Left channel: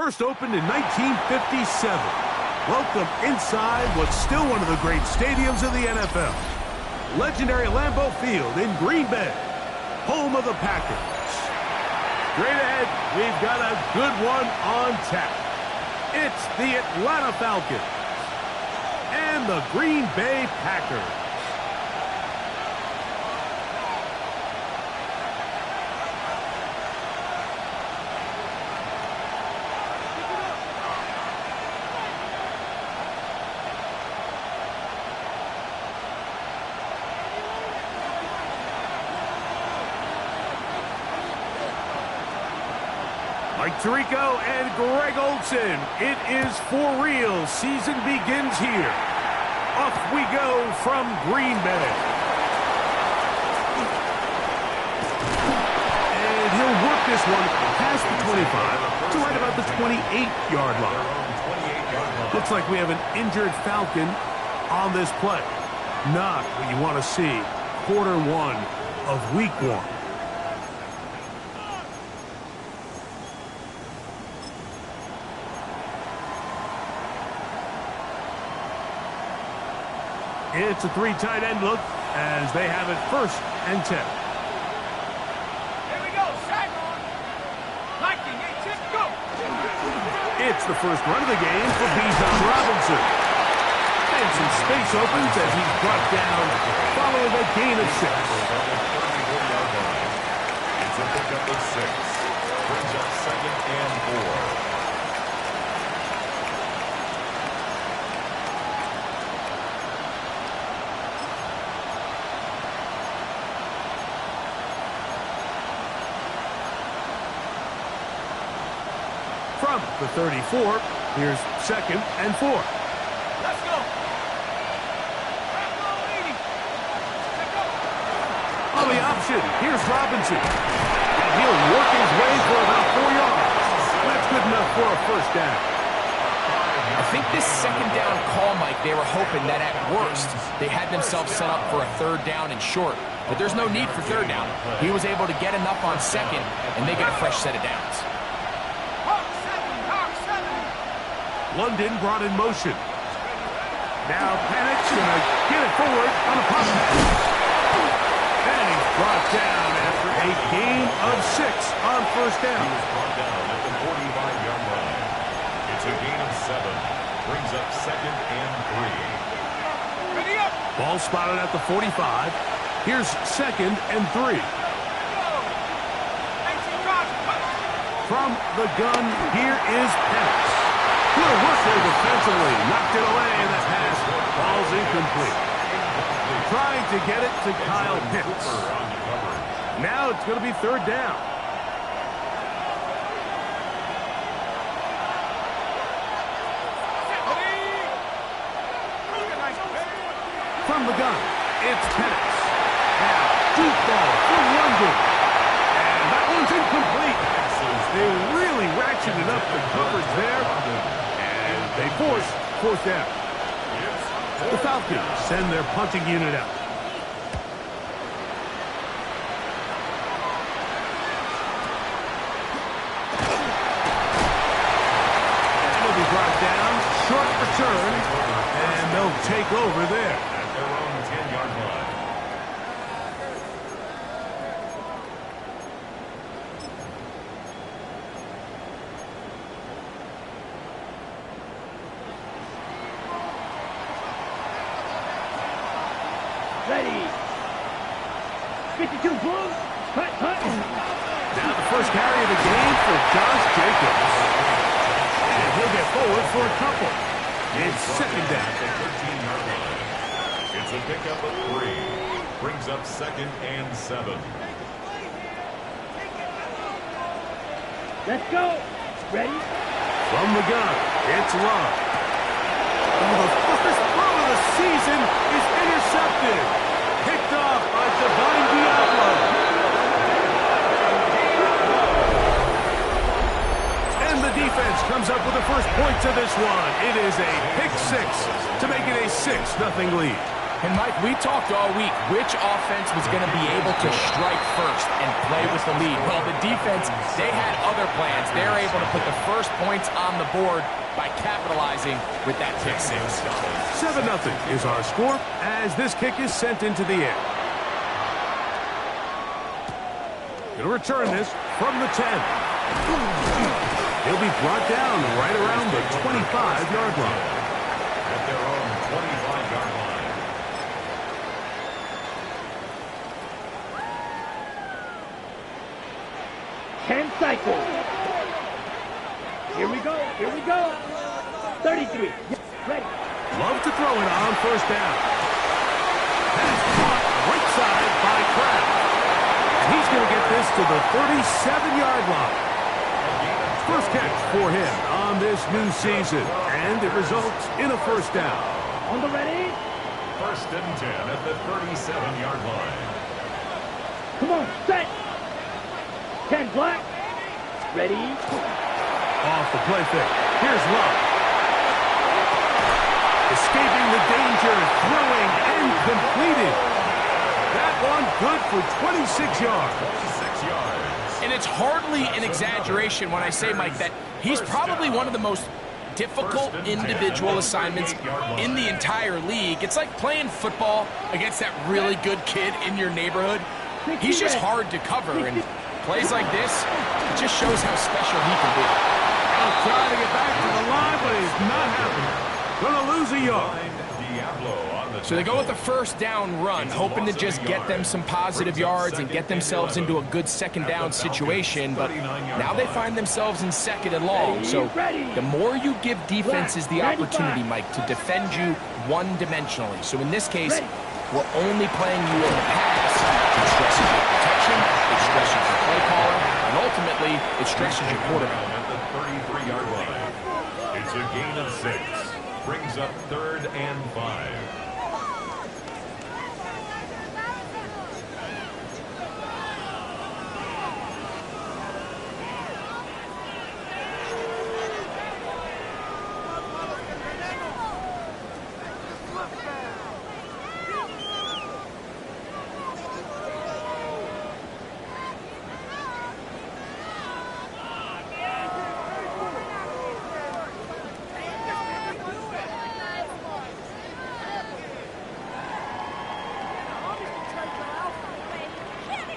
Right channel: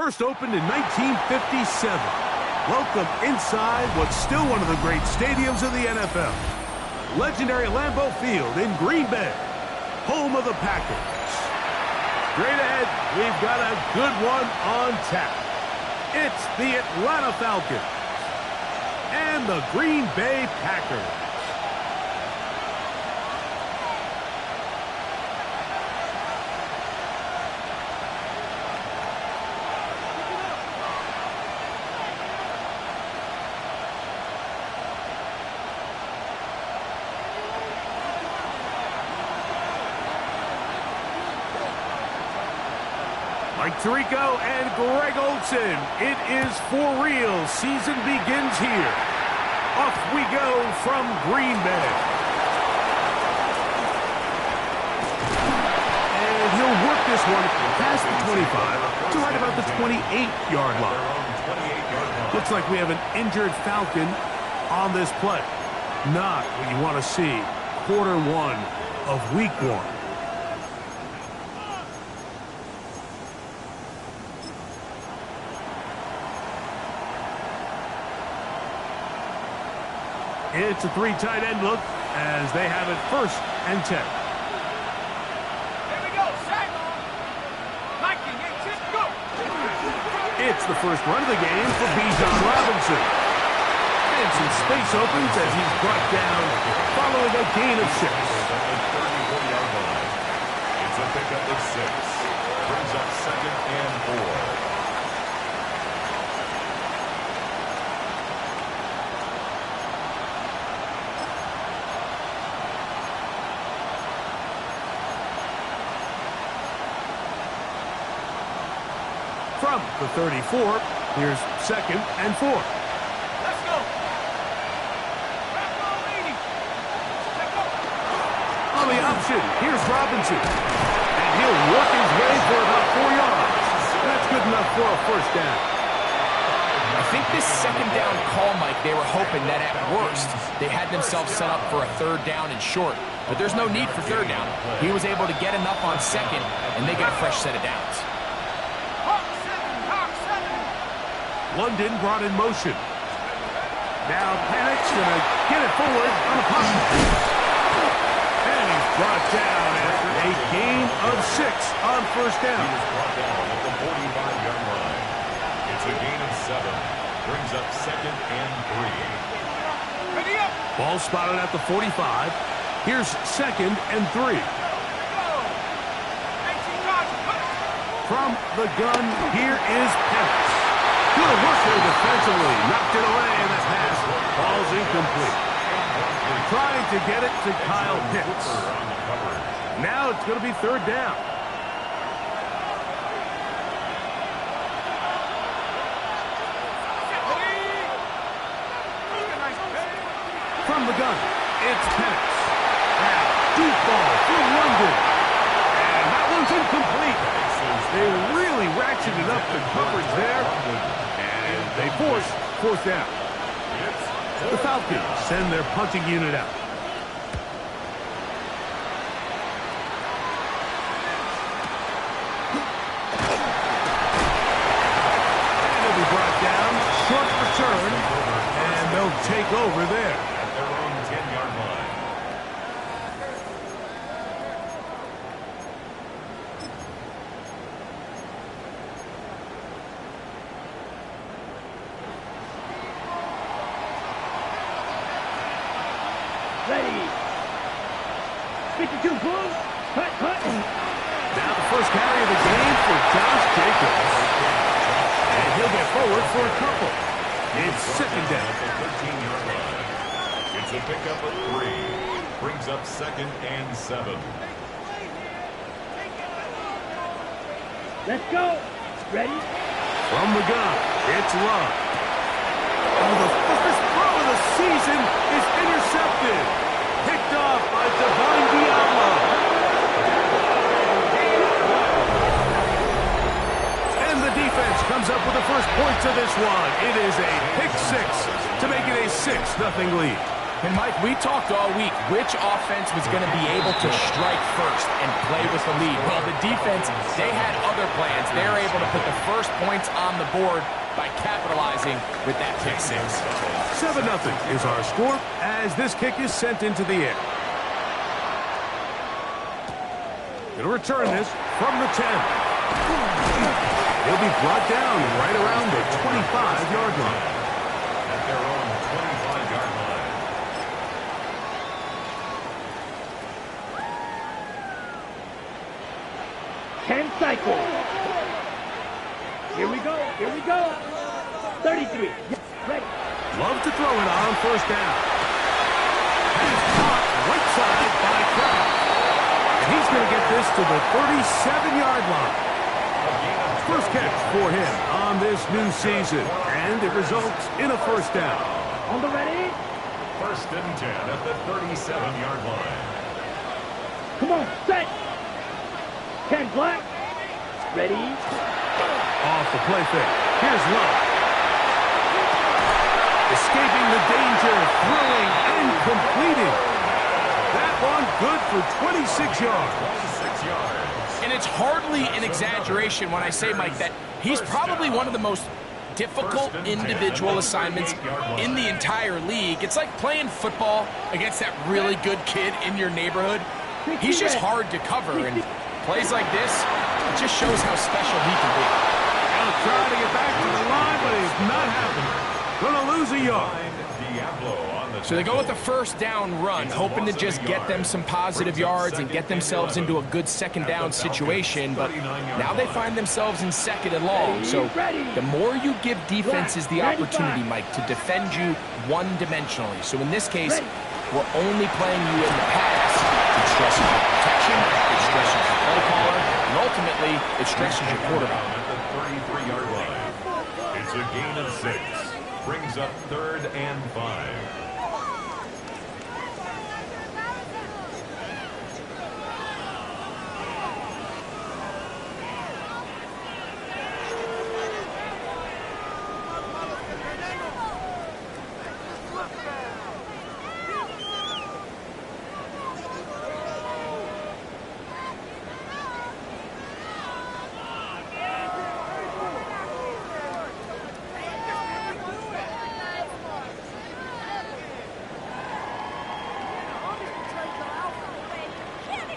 First opened in 1957. Welcome inside what's still one of the great stadiums of the NFL. Legendary Lambeau Field in Green Bay, home of the Packers. Straight ahead, we've got a good one on tap. It's the Atlanta Falcons and the Green Bay Packers. Mike Tirico and Greg Olsen. It is for real. Season begins here. Off we go from Green Bay. And he'll work this one past the 25 to right about the 28-yard line. Looks like we have an injured Falcon on this play. Not what you want to see. Quarter one of week one. It's a three tight end look as they have it 1st and 10. Here we go, sack. 19, 18, go. It's the first run of the game for Bijan Robinson. And some space opens as he's brought down following a gain of 6. It's a pickup of 6. Brings up 2nd and 4. From the 34, here's 2nd and 4. Let's go. On the option, here's Robinson. And he'll work his way for about 4 yards. That's good enough for a 1st down. I think this 2nd down call, Mike, they were hoping that at worst they had themselves set up for a 3rd down and short. But there's no need for 3rd down. He was able to get enough on 2nd, and they get a fresh set of downs. London brought in motion. Now Panic's going to get it forward on a pop pass. And he's brought down after a gain of 6 on 1st down. He was brought down at the 45-yard line. It's a gain of 7. Brings up 2nd and 3. Ready up. Ball spotted at the 45. Here's 2nd and 3. From the gun, here is Penix. Good work there defensively. Knocked it away, and that pass falls incomplete. Trying to get it to Kyle Pitts. Now it's going to be 3rd down. From the gun, it's Penix. Now, deep ball for London. And that one's incomplete. They really ratcheted up the coverage there, and they force 4th down. The Falcons send their punting unit out. And he'll be brought down, short return, and they'll take over there. At their own 10-yard line. Ready. 52 Blues. Hut, hut. Now the first carry of the game for Josh Jacobs. And he'll get forward for a couple. It's 2nd down. At the 13-yard line. It's a pickup of 3. Brings up 2nd and 7. Let's go. Ready. From the gun, it's Love. Oh, the first throw of the season is intercepted. Picked off by Divine Diablo. And the defense comes up with the first points of this one. It is a pick 6 to make it a 6-0 lead. And Mike, we talked all week which offense was going to be able to strike first and play with the lead. Well, the defense, they had other plans. They're able to put the first points on the board by capitalizing with that pick six. 7-0 is our score as this kick is sent into the air. He'll return this from the 10. He'll be brought down right around the 25-yard line. At their own 25-yard line. 10 cycles. Here we go. Here we go. 33. Ready. Love to throw it on first down. Pass caught right side by Kraft. And he's going to get this to the 37-yard line. First catch for him on this new season. And it results in a first down. On the ready. First and 10 at the 37-yard line. Come on, set. 10 black. Ready. Off the play fake. Here's Love. Escaping the danger, throwing and completing. That one good for 26 yards. 26 yards. And it's hardly an exaggeration when I say, Mike, that he's probably one of the most difficult individual assignments in the entire league. It's like playing football against that really good kid in your neighborhood. He's just hard to cover, and plays like this, it just shows how special he can be. He'll try to get back to the line, but he's not happening. Gonna lose a yard. So they go with the first down run, hoping to just get them some positive yards and get themselves into a good second down situation, but now they find themselves in second and long. So the more you give defenses the opportunity, Mike, to defend you one-dimensionally. So in this case, we're only playing you in the pass. It stresses your protection, it stresses your play caller, and ultimately, it stresses your quarterback. At the 33-yard line. It's a gain of 6. Brings up 3rd and 5.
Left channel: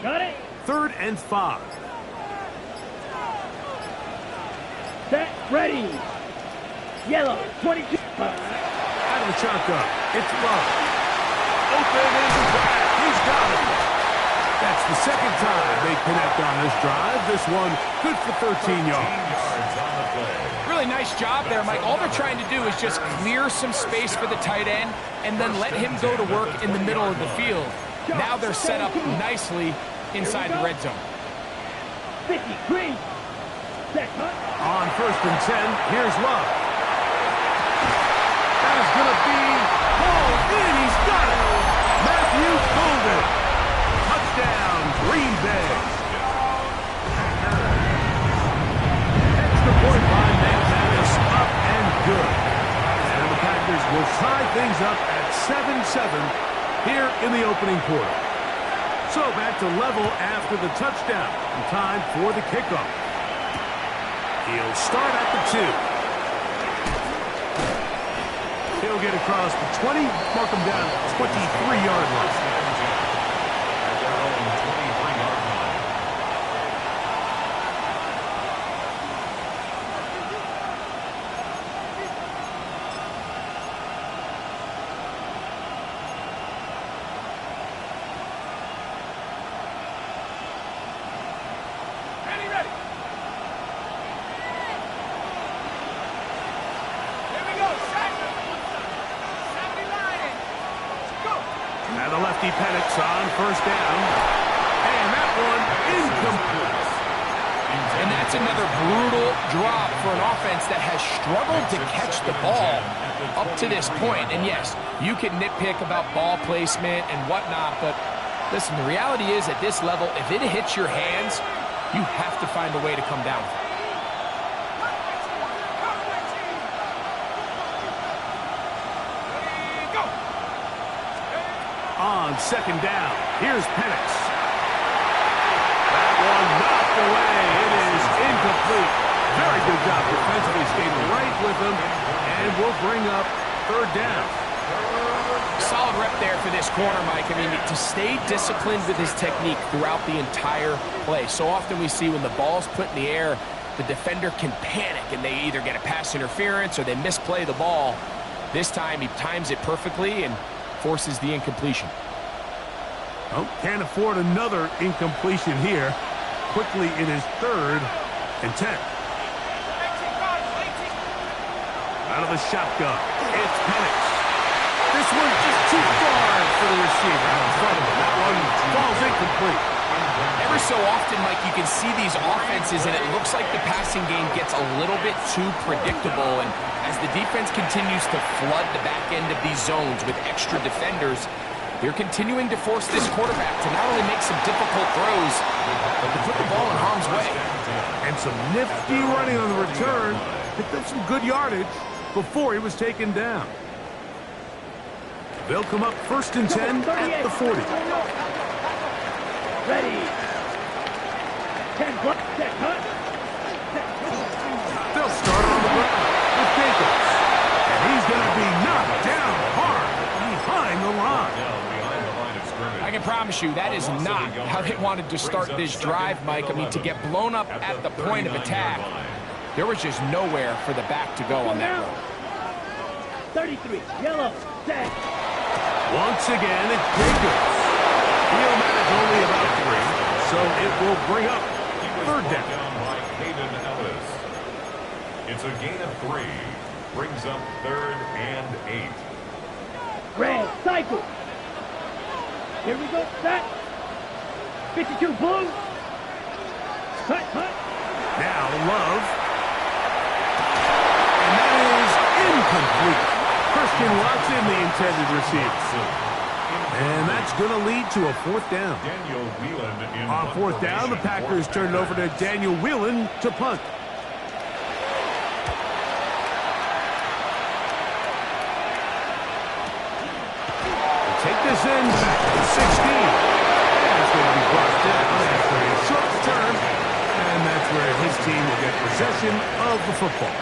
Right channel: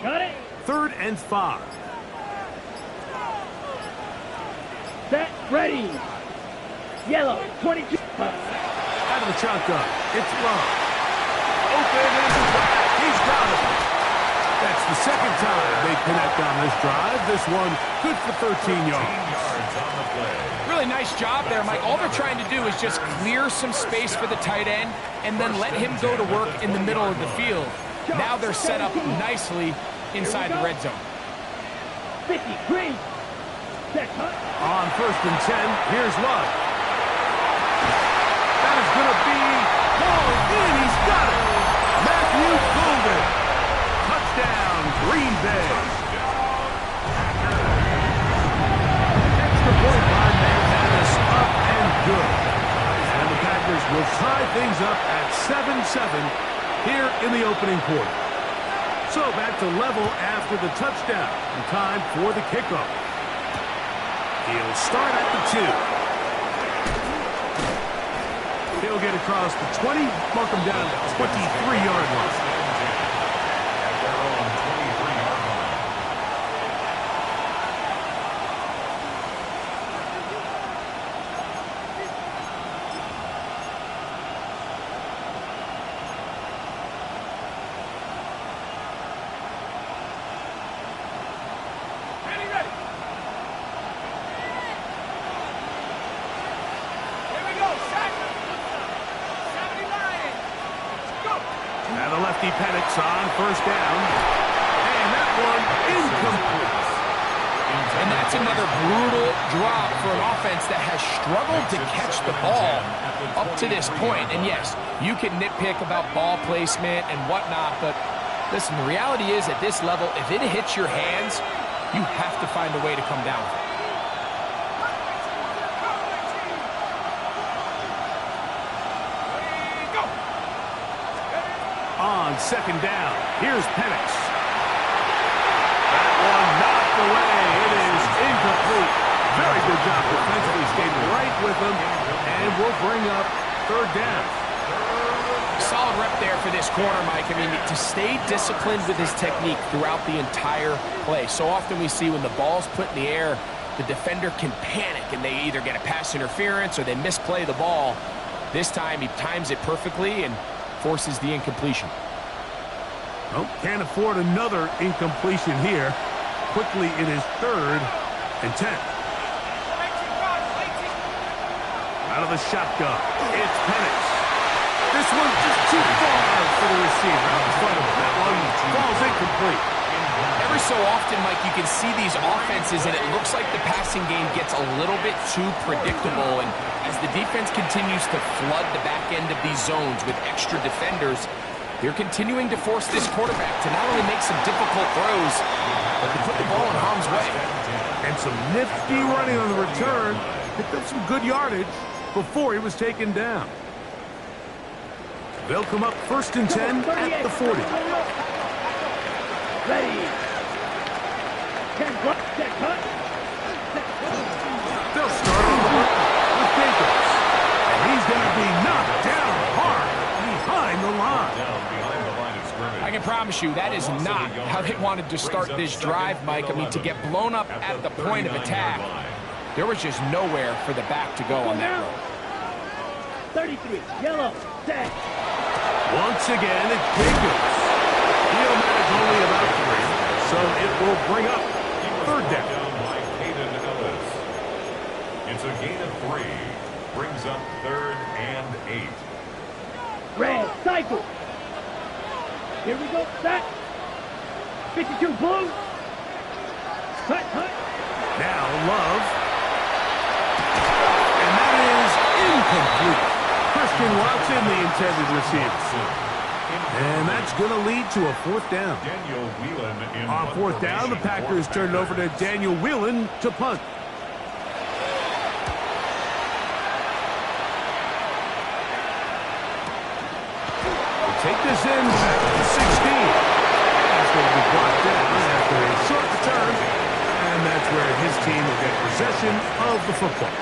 Got it. 3rd and 5. Set. Ready. Yellow. 22. Out of the shotgun. It's Love. Open in the back. He's got it. That's the second time they connect on this drive. This one good for 13 yards. On the play. Really nice job there, Mike. All they're trying to do is just clear some space for the tight end and then let him go to work in the middle of the field. Now they're set up nicely inside the red zone. 50. Green. Set. Hunt. On 1st and 10, here's Love. That is going to be hauled in. He's got it. Matthew Golden. Touchdown, Green Bay. Extra point by McManus, up and good. And the Packers will tie things up at 7-7 here in the opening quarter. So back to level after the touchdown. And time for the kickoff. He'll start at the 2. He'll get across the 20, mark him down at the 23-yard line. At their own 23-yard line. Ready, ready. Here we go, set. 79. Go. Now the lefty Penix on first down. And that one incomplete. And that's another brutal drop for an offense that has struggled to catch the ball up to this point. And yes, you can nitpick about ball placement and whatnot, but listen, the reality is at this level, if it hits your hands, you have to find a way to come down with it. Ready, go. on second down. Here's Penix. That one knocked away. It is incomplete. Very good job defensively, stayed right with him, and will bring up third down. Solid rep there for this corner, Mike. I mean, to stay disciplined with his technique throughout the entire play. So often we see when the ball's put in the air, the defender can panic, and they either get a pass interference or they misplay the ball. This time, he times it perfectly and forces the incompletion. Oh, can't afford another incompletion here. Quickly, it is 3rd and 10. Out of the shotgun, it's Penix. This one's just too far for the receiver out in front of him. That one falls incomplete. Every so often, Mike, you can see these offenses, and it looks like the passing game gets a little bit too predictable. And as the defense continues to flood the back end of these zones with extra defenders, they're continuing to force this quarterback to not only make some difficult throws, but to put the ball in harm's way. And some nifty running on the return. Picked up some good yardage before he was taken down. They'll come up 1st and 10 at the 40. Ready. 10 block. Set cut. They'll start on the ground with Jacobs. And he's going to be knocked down hard behind the line. I can promise you that is not how they wanted to start this drive, Mike. I mean, to get blown up at the point of attack, there was just nowhere for the back to go on that road. 33. Yellow. Set. Once again, it's Jacobs. He'll manage only about 3, so it will bring up 3rd down. By Caden Ellis. It's a gain of 3. Brings up 3rd and 8. Red. Cycle. Here we go. Set. 52. Blue. Cut. Cut. Now Love. And that is incomplete. Christian Watson, the intended receiver. And that's going to lead to a 4th down. Daniel Whelan in On 4th down, the Packers turn it over to Daniel Whelan to punt. We'll take this in back to the 16. And it's going to be brought down after a short return. And that's where his team will get possession of the football.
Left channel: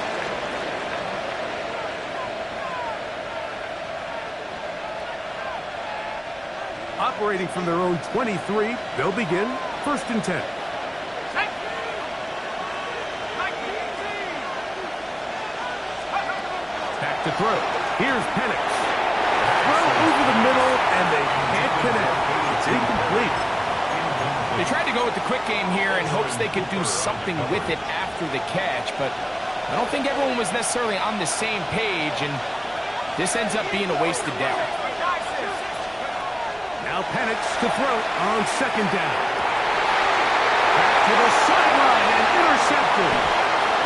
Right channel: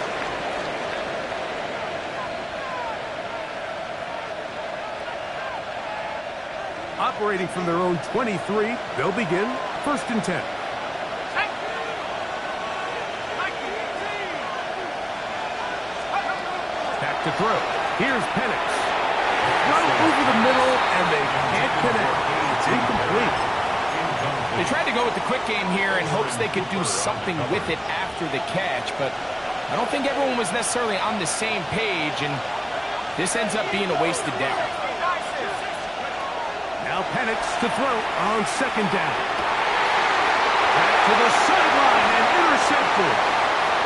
Operating from their own 23, they'll begin 1st and 10. Back to throw. Here's Penix. Throw over the middle, and they can't connect. It's incomplete. They tried to go with the quick game here in hopes they could do something with it after the catch, but I don't think everyone was necessarily on the same page, and this ends up being a wasted down. Now Penix to throw on 2nd down. Back to the sideline and intercepted.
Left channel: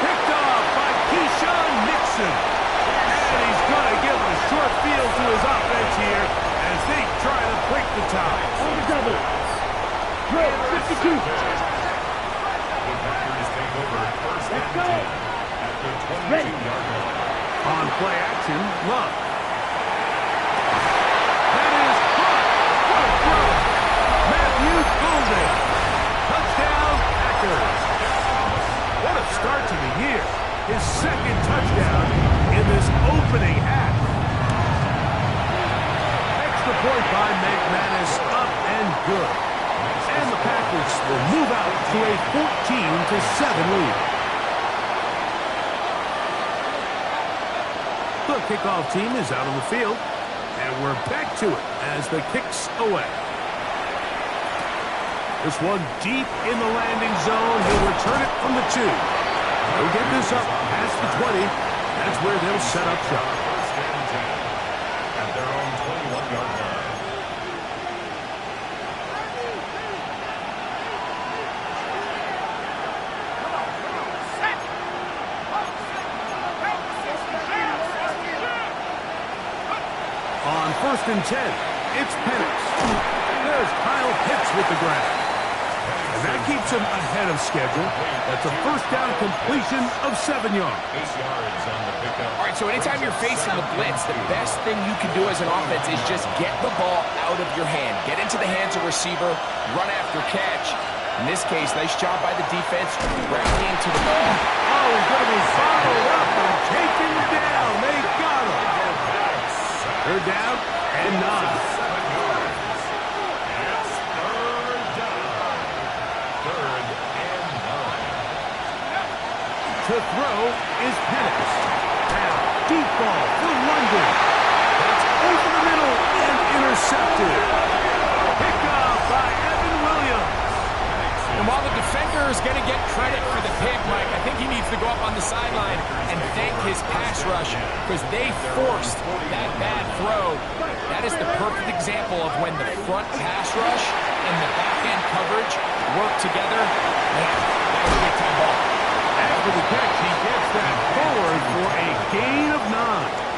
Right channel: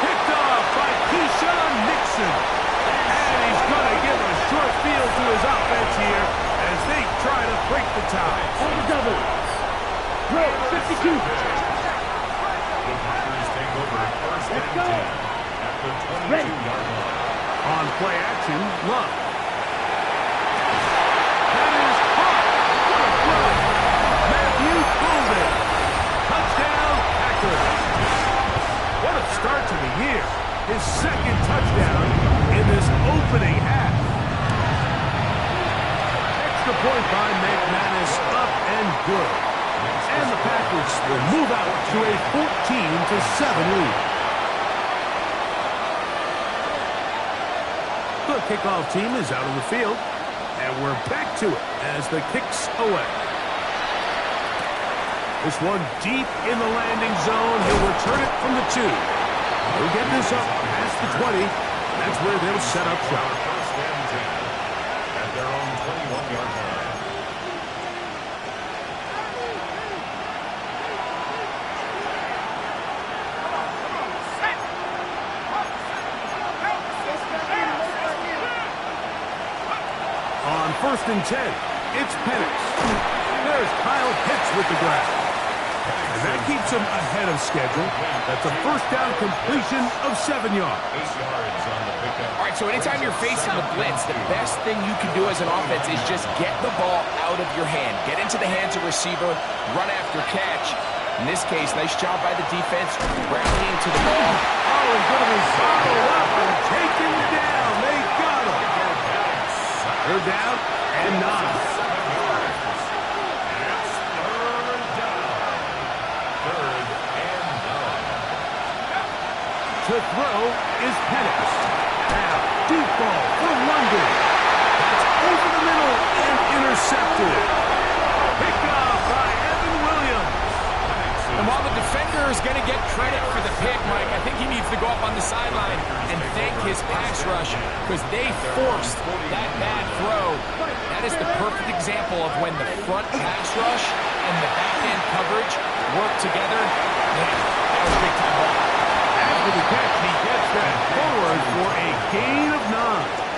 Picked off by Keyshawn Nixon. And he's going to give a short field to his offense here as they try to break the tie. On the double. Throw. 52. The Packers take over 1st and 10 at the 22-yard line. On play action, Love. That is caught. What a throw. Matthew Golden. Touchdown, Packers. What a start to the year. His 2nd touchdown in this opening half. Extra point by McManus, up and good. And the Packers will move out to a 14-7 lead. The kickoff team is out on the field, and we're back to it as the kick's away. This one deep in the landing zone. He'll return it from the 2. He'll get this up past the 20. That's where they'll set up shop. 1st and 10 at their own 21-yard line. On 1st and 10, it's Penix. There's Kyle Pitts with the grab. And that keeps him ahead of schedule. That's a first down completion of 7 yards. 8 yards on the pickup. All right, so anytime you're facing the blitz, the best thing you can do as an offense is just get the ball out of your hand. Get into the hands of receiver, run after catch. In this case, nice job by the defense, rallying to the ball. Oh, he's going to be followed up and taken down. They got him. They're down and 9. 7 yards. It's third down. Third and 9. To throw is Penix. Now, deep ball for London. That's over the middle and intercepted. Pick up by Evan Williams. And while the defender is going to get credit for the pick, Mike, I think he needs to go up on the sideline and thank his pass rush because they forced that bad throw. That is the perfect example of when the front pass rush and the back-end coverage work together. Man, that was a big-time ball. After the catch, he gets that forward for a gain of 9.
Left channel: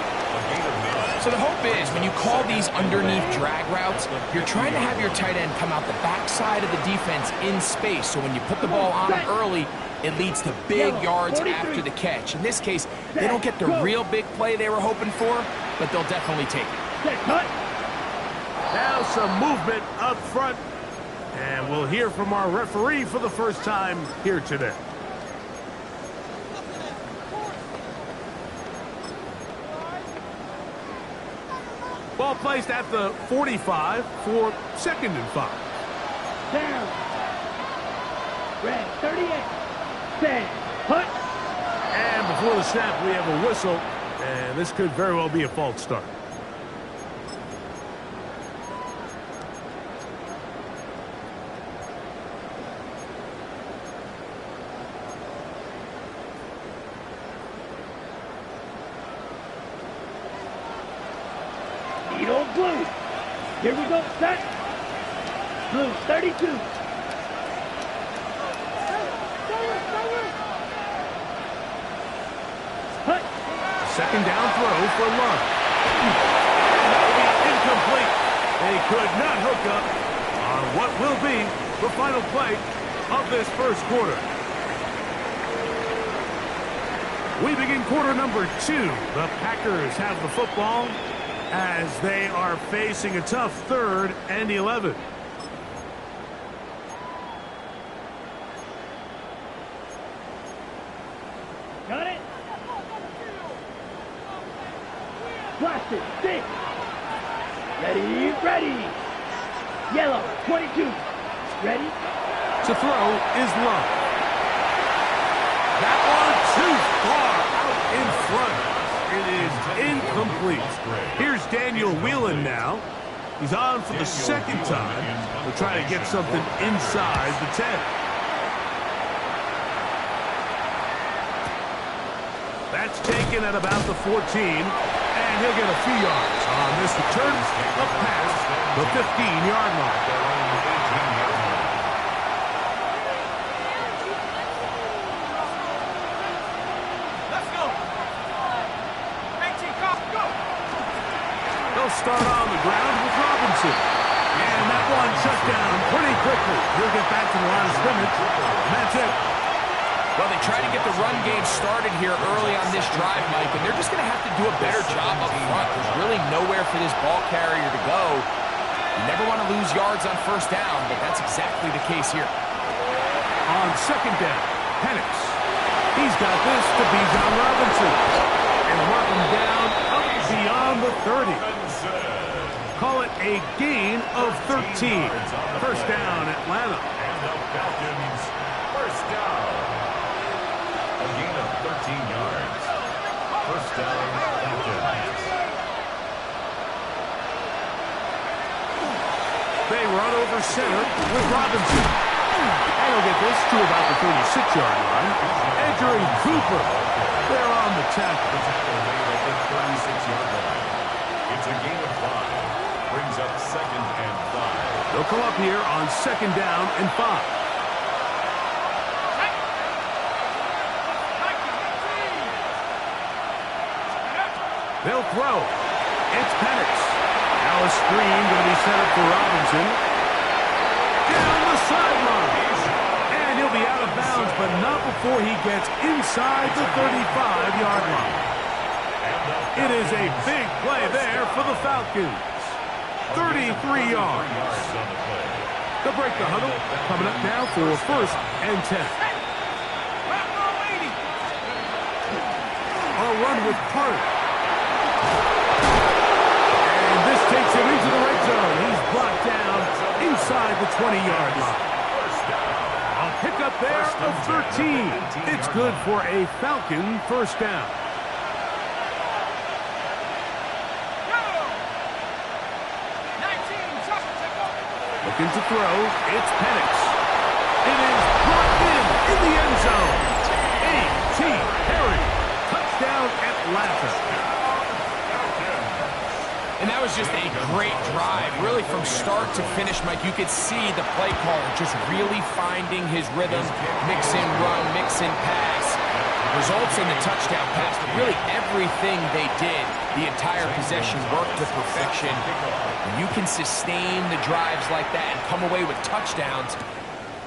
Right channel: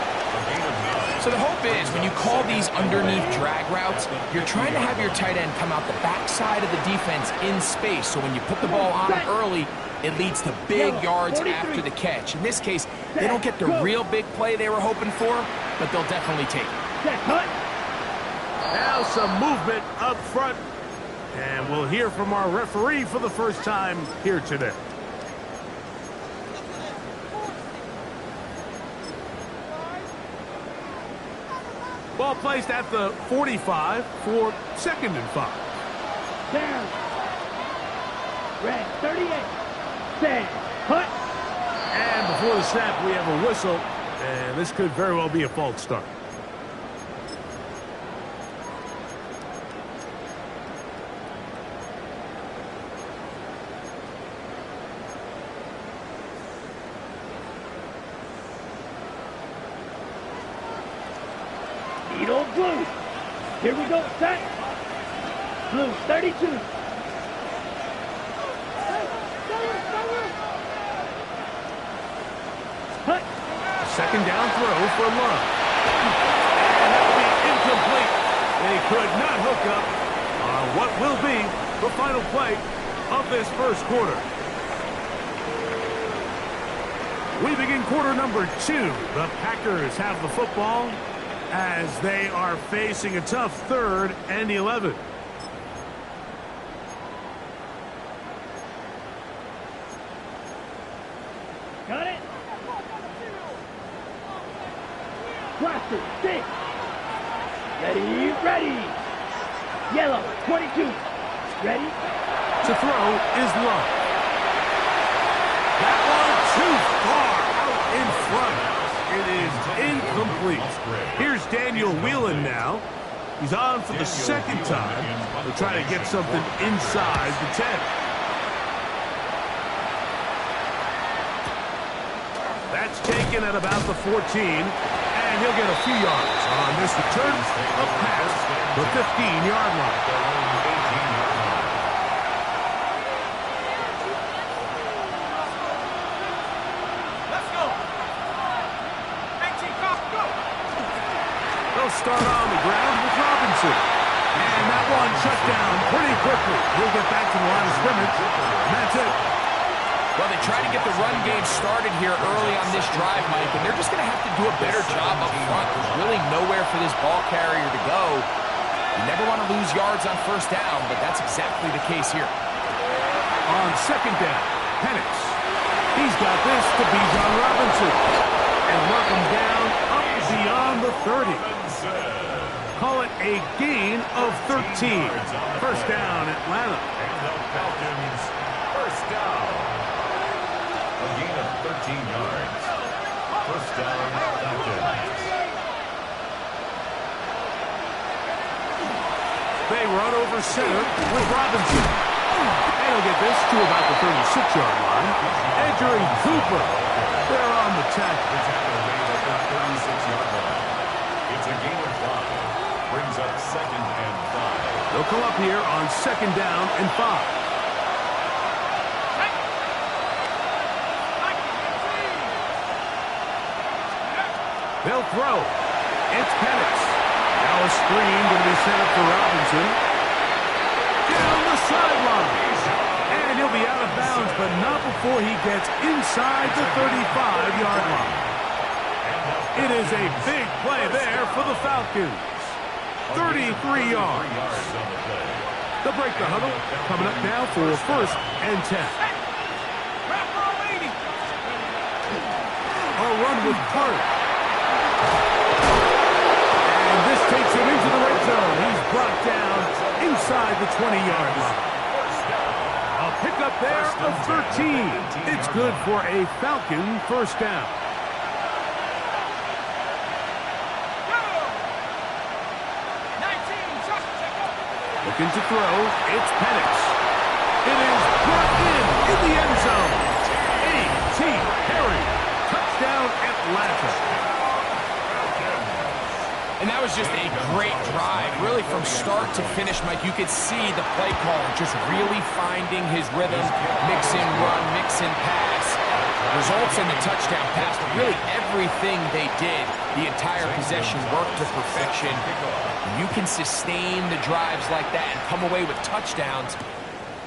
So the hope is when you call these underneath drag routes, you're trying to have your tight end come out the backside of the defense in space. So when you put the ball on him early, it leads to big yards after the catch. In this case, they don't get the real big play they were hoping for, but they'll definitely take it. Now some movement up front. And we'll hear from our referee for the first time here today. Ball placed at the 45 for 2nd and 5. Down. Red 38. Stand. Hut. And before the snap, we have a whistle. And this could very well be a false start. Needle blue. Here we go, set. Blue 32. Hut. Second down throw for Love. And that will be incomplete. They could not hook up on what will be the final play of this first quarter. We begin quarter number 2. The Packers have the football as they are facing a tough 3rd and 11. Got it. Blaster 6. Ready, ready. Yellow 22. Ready. To throw is Love. That one too far out in front. It is incomplete. Here's Daniel Whelan now. He's on for the second time to try to get something inside the 10. That's taken at about the 14, and he'll get a few yards on this return of pass, the 15-yard line. Their own 18-yard line. Let's go. 18, go. They'll start on the ground with Robinson. And that one shut down pretty quickly. He'll get back to the line of scrimmage, and that's it. Well, they try to get the run game started here early on this drive, Mike, and they're just going to have to do a better job up front. There's really nowhere for this ball carrier to go. You never want to lose yards on first down, but that's exactly the case here. On second down, Penix. He's got this to Bijan Robinson. And mark him down up beyond the 30. Call it a gain of 13. First down, Atlanta. And the Falcons, first down. A gain of 13 yards. First down, Falcons. They run over center with Robinson. And he'll get this to about the 36-yard line. Edger and Cooper, they're on the tackle. The tackle made at the 36-yard line. It's a gain of 5. Brings up second and 5. They'll come up here on second down and 5. They'll throw. It's Penix. Now a screen going to be set up for Robinson. Down the sideline. And he'll be out of bounds, but not before he gets inside the 35-yard line. It is a big play there for the Falcons. 33 yards. They'll break the huddle. Coming up now for 1st and 10. A run with Carter. And this takes him into the red zone. He's brought down inside the 20-yard line. A pickup there of 13. It's good for a Falcon first down. Looking to throw, it's Penix. It is brought in the end zone. A.T. Perry, touchdown Atlanta. And that was just a great drive. Really from start to finish, Mike, you could see the play caller just really finding his rhythm. Mix in run, mix in pass. Results in the touchdown pass. But really everything they did, the entire possession worked to perfection. When you can sustain the drives like that and come away with touchdowns,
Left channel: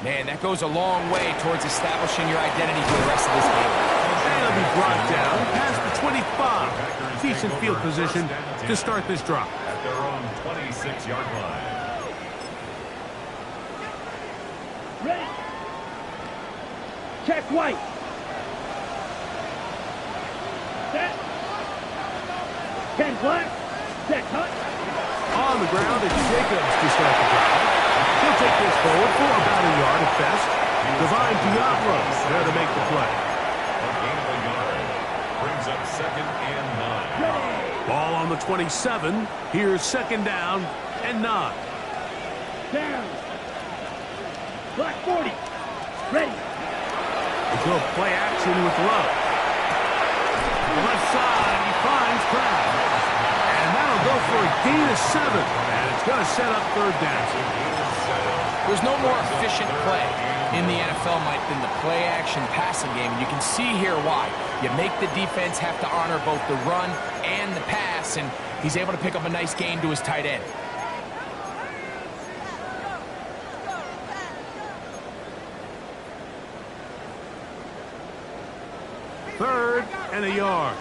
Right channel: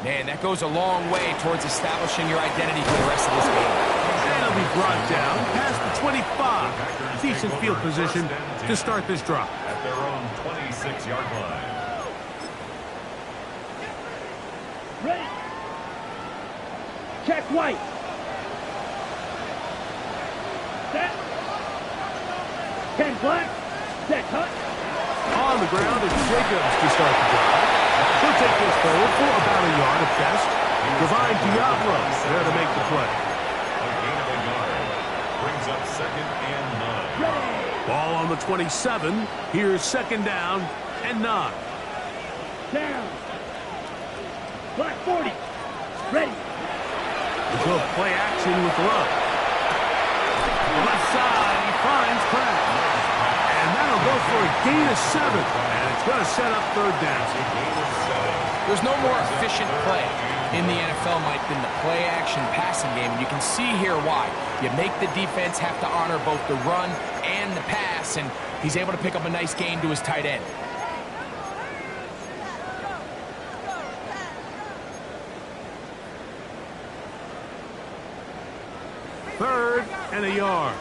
man, that goes a long way towards establishing your identity for the rest of this game. And he'll be brought down past the 25. Decent field position to start this drive. At their own 26-yard line. Ready. Check White. Set. 10 black. Set cut. On the ground, it's Jacobs to start the drive. He'll take this forward for about a yard at best. Divine Diablo there to make the play. A gain of a yard. Brings up 2nd and 9. Ready. Ball on the 27. Here's 2nd down and 9. Down. Black 40. Ready. We'll go play action with Love. The left side, he finds Crabbe. And that'll go for a gain of 7. And it's going to set up 3rd down. There's no more efficient play in the NFL, Mike, than the play-action passing game. And you can see here why. You make the defense have to honor both the run and the pass, and he's able to pick up a nice gain to his tight end. Third and a yard.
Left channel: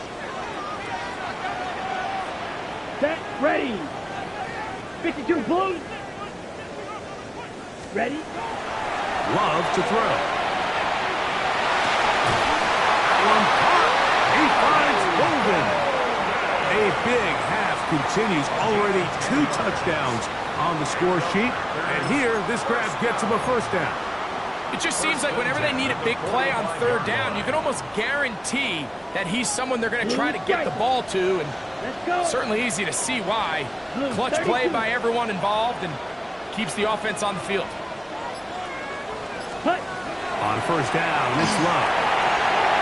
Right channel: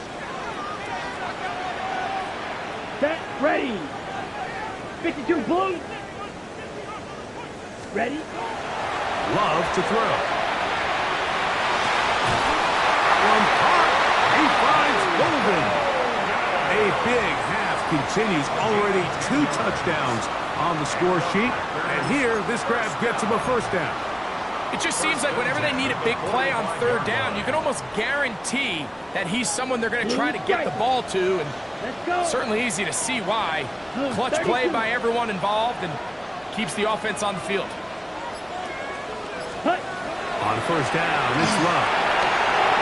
Set. Ready. 52 Blues. Ready. Love to throw. That one caught. He finds Golden. A big half continues. Already 2 touchdowns on the score sheet. And here, this grab gets him a 1st down. It just seems like whenever they need a big play on 3rd down, you can almost guarantee that he's someone they're going to try to get the ball to. And Let's go. certainly easy to see why. Clutch play by everyone involved and keeps the offense on the field. Hut. On 1st down, it's Love.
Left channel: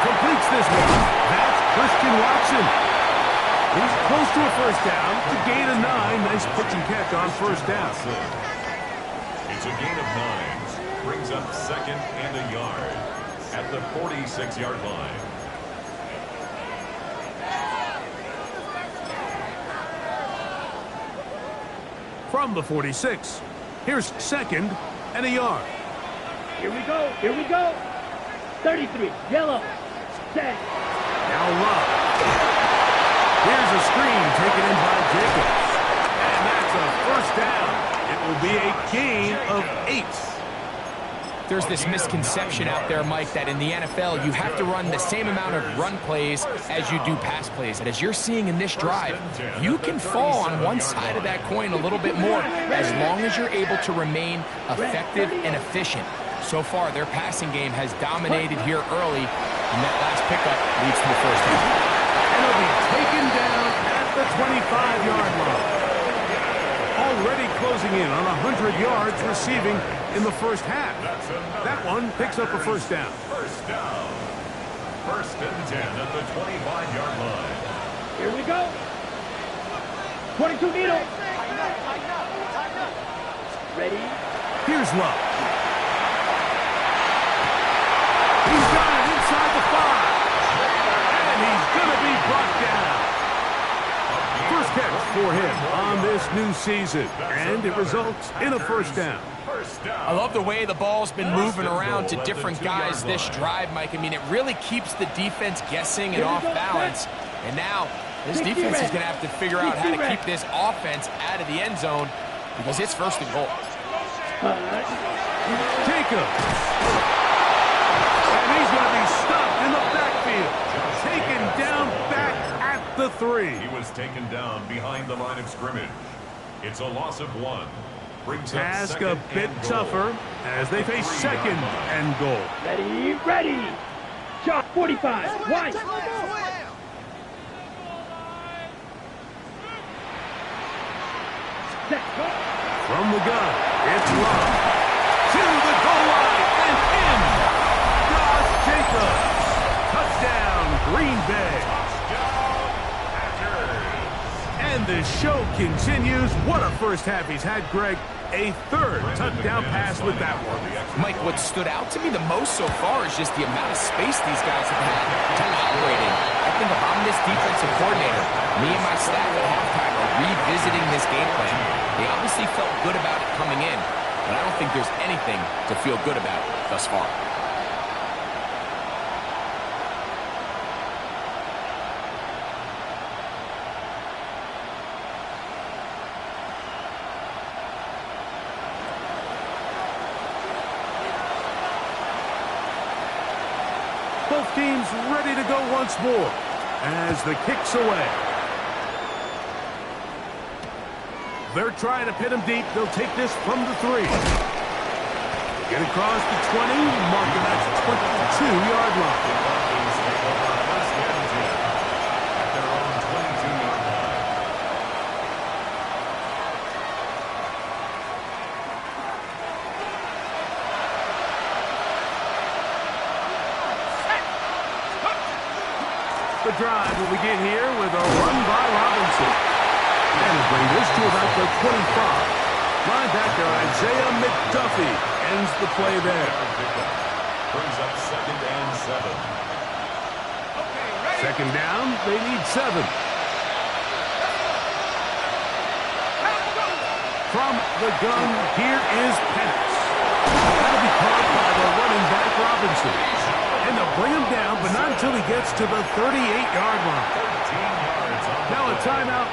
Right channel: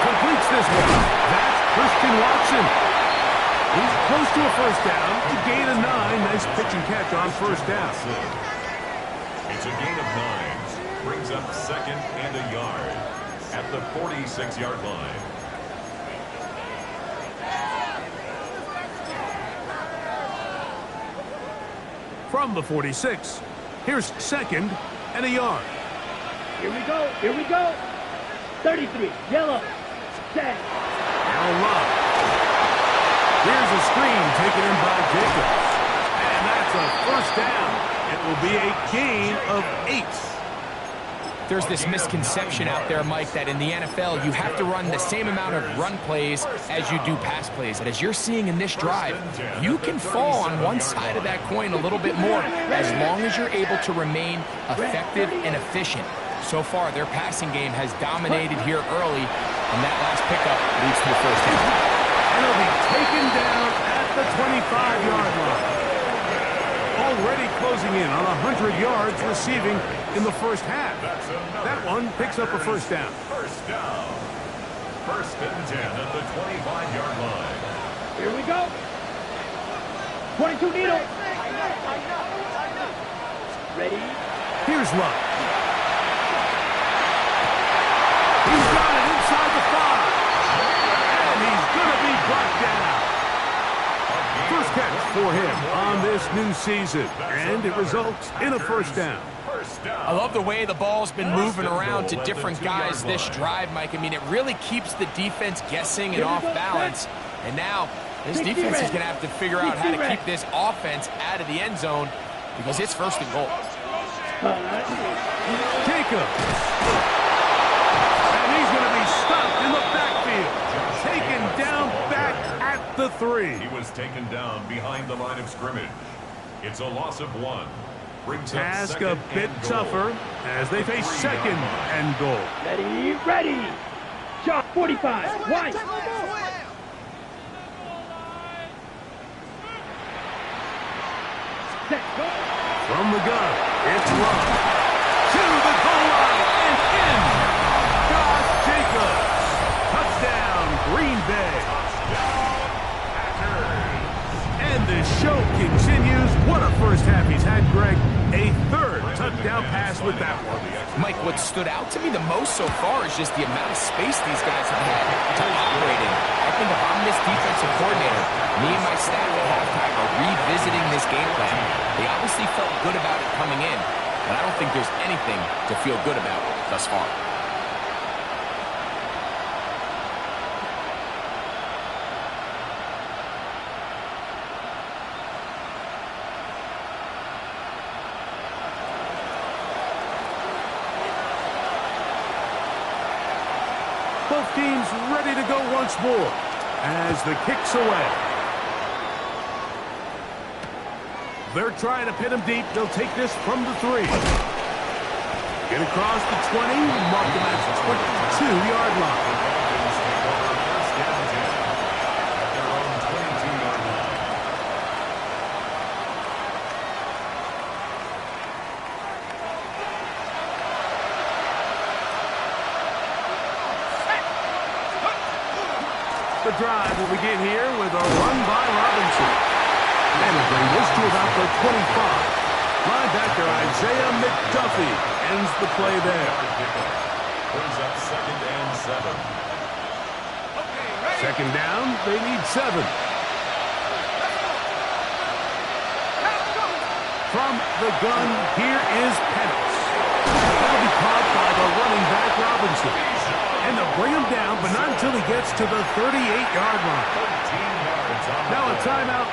Completes this one. That's Christian Watson. He's close to a 1st down to gain a 9. Nice pitch and catch on 1st down. It's a gain of 9. Brings up 2nd and a yard at the 46-yard line. From the 46, here's 2nd and a yard. Here we go. Here we go. 33. Yellow. Set. Now Love. Here's a screen taken in by Jacobs. And that's a 1st down. It will be a gain of 8. There's this misconception out there, Mike, that in the NFL, you have to run the same amount of run plays as you do pass plays. And as you're seeing in this drive, you can fall on one side of that coin a little bit more as long as you're able to remain effective and efficient. So far, their passing game has dominated here early, and that last pickup leads to the 1st down. And he'll be taken down at the 25-yard line. Already closing in on 100 yards receiving in the 1st half. That one picks up a 1st down. 1st down. 1st and 10 at the 25-yard line. Here we go. 22 needle. Ready. Here's Love. He's got it inside the 5. And he's going to be brought down. 1st catch for him on this new season. And it results in a 1st down. First down. I love the way the ball's been moving around to different guys this drive, Mike. I mean, it really keeps the defense guessing and off balance. And now this defense is going to have to figure out how to keep this offense out of the end zone because it's first and goal. Jacobs. And he's going to be stopped in the backfield. Taken down back at the 3. He was taken down behind the line of scrimmage. It's a loss of 1. Task a bit tougher as they face second and goal. Ready, ready. Shot 45. White. Set, go. From the gun, it's Love. To the goal line and in. Josh Jacobs. Touchdown, Green Bay. Touchdown, Packers. And the show continues. What a first half he's had, Greg. A third touchdown pass with that one. Mike, what stood out to me the most so far is just the amount of space these guys have had to operate in. I think if I'm this defensive coordinator, me and my staff at halftime are revisiting this game plan. They obviously felt good about it coming in, but I don't think there's anything to feel good about thus far. Both teams ready to go once more as the kick's away. They're trying to pin him deep. They'll take this from the 3. Get across the 20. Mark him at the 22-yard line. The Falcons take over first and 10 at their own 22-yard line. The drive will begin here with a run by Robinson. And it'll bring this to about the 25. Linebacker Isaiah McDuffie ends the play there. Brings up second and 7. Second down, they need 7. From the gun, here is Penix. That'll be caught by the running back Robinson. And they'll bring him down, but not until he gets to the 38-yard line. 13 yards on the Now a play. timeout,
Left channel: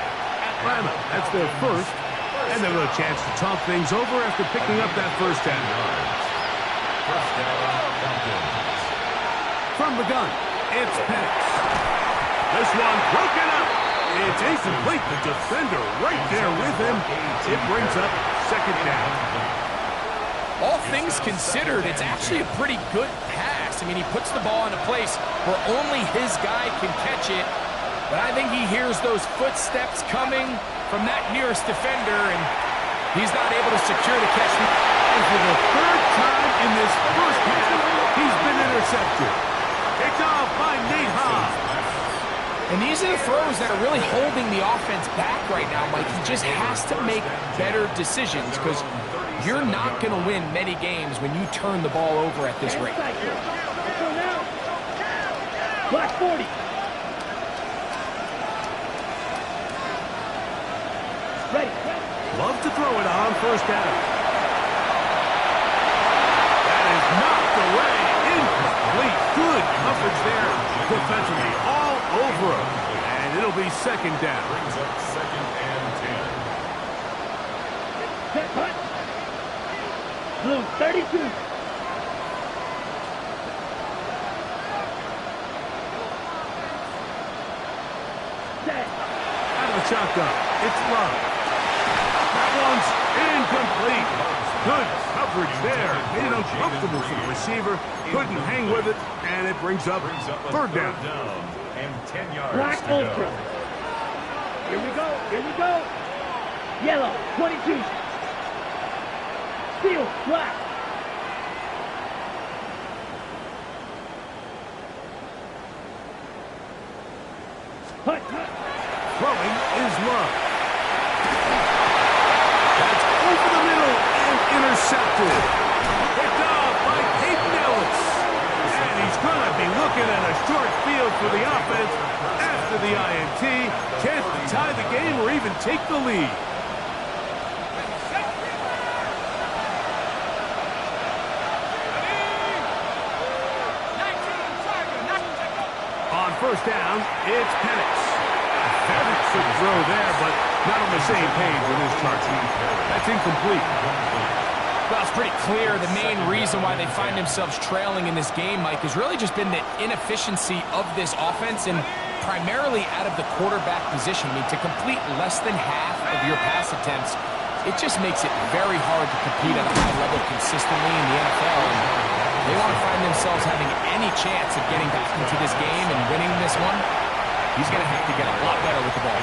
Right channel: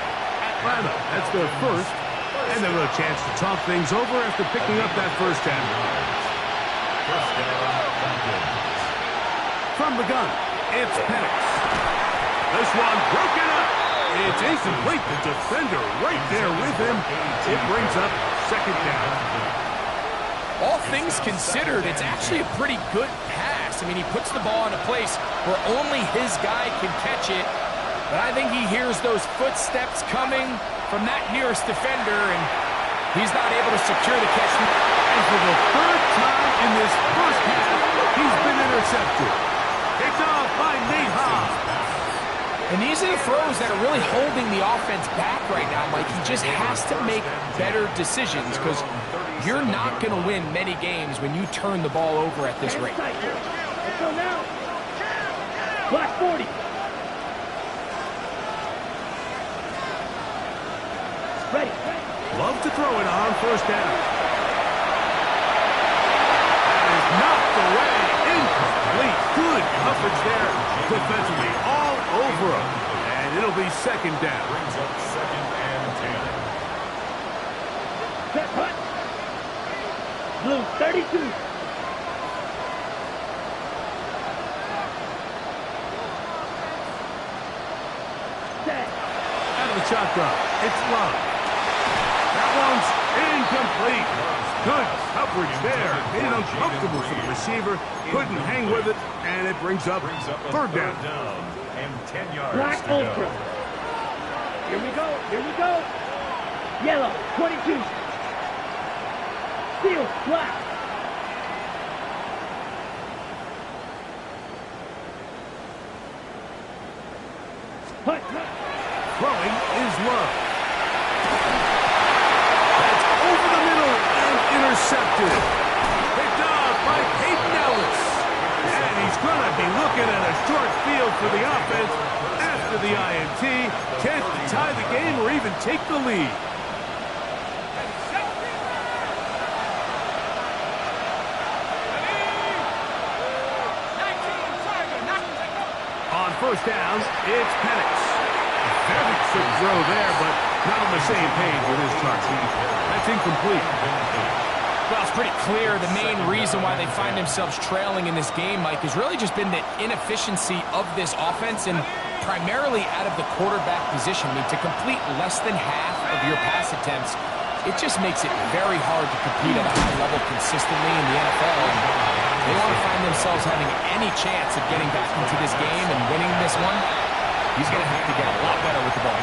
Atlanta. That's their first. And they've got a chance to talk things over after picking up that first down. First down, Falcons. From the gun, it's Penix. This one broken up. It's incomplete. The defender right there with him. It brings up second down. All things considered, it's actually a pretty good pass. I mean, he puts the ball in a place where only his guy can catch it. But I think he hears those footsteps coming from that nearest defender, and he's not able to secure the catch. And for the third time in this first half, he's been intercepted. Picked off by Nate Hobbs. And these are the throws that are really holding the offense back right now, Mike. He just has to make better decisions because you're not going to win many games when you turn the ball over at this rate. Let's go now. Black 40. Ready. Love to throw it on first down. That is knocked away. Incomplete. Good coverage there defensively. All over him. And it'll be second down. Brings up second and 10. Set, punt. Blue 32. Set. Out of the shotgun. It's Love. That one's incomplete. Good coverage there. Made it uncomfortable for the receiver. Couldn't hang with it, and it brings up third down. And 10 yards Black to go. Ultra. Here we go. Here we go. Yellow 22. Steel black. Hut, hut. Throwing is Love. That's over the middle and intercepted. Picked off by Peyton Ellis. And he's going to be looking at a short field for the offense after the INT. Chance to tie the game or even take the lead. first down, it's Penix. Very quick throw there, but not on the same page with his target. That's incomplete. Well, it's pretty clear the main reason why they find themselves trailing in this game, Mike, has really just been the inefficiency of this offense and primarily out of the quarterback position. I mean, to complete less than half of your pass attempts, it just makes it very hard to compete at a high level consistently in the NFL. And they want to find themselves having any chance of getting back into this game and winning this one. He's going to have to get a lot better with the ball.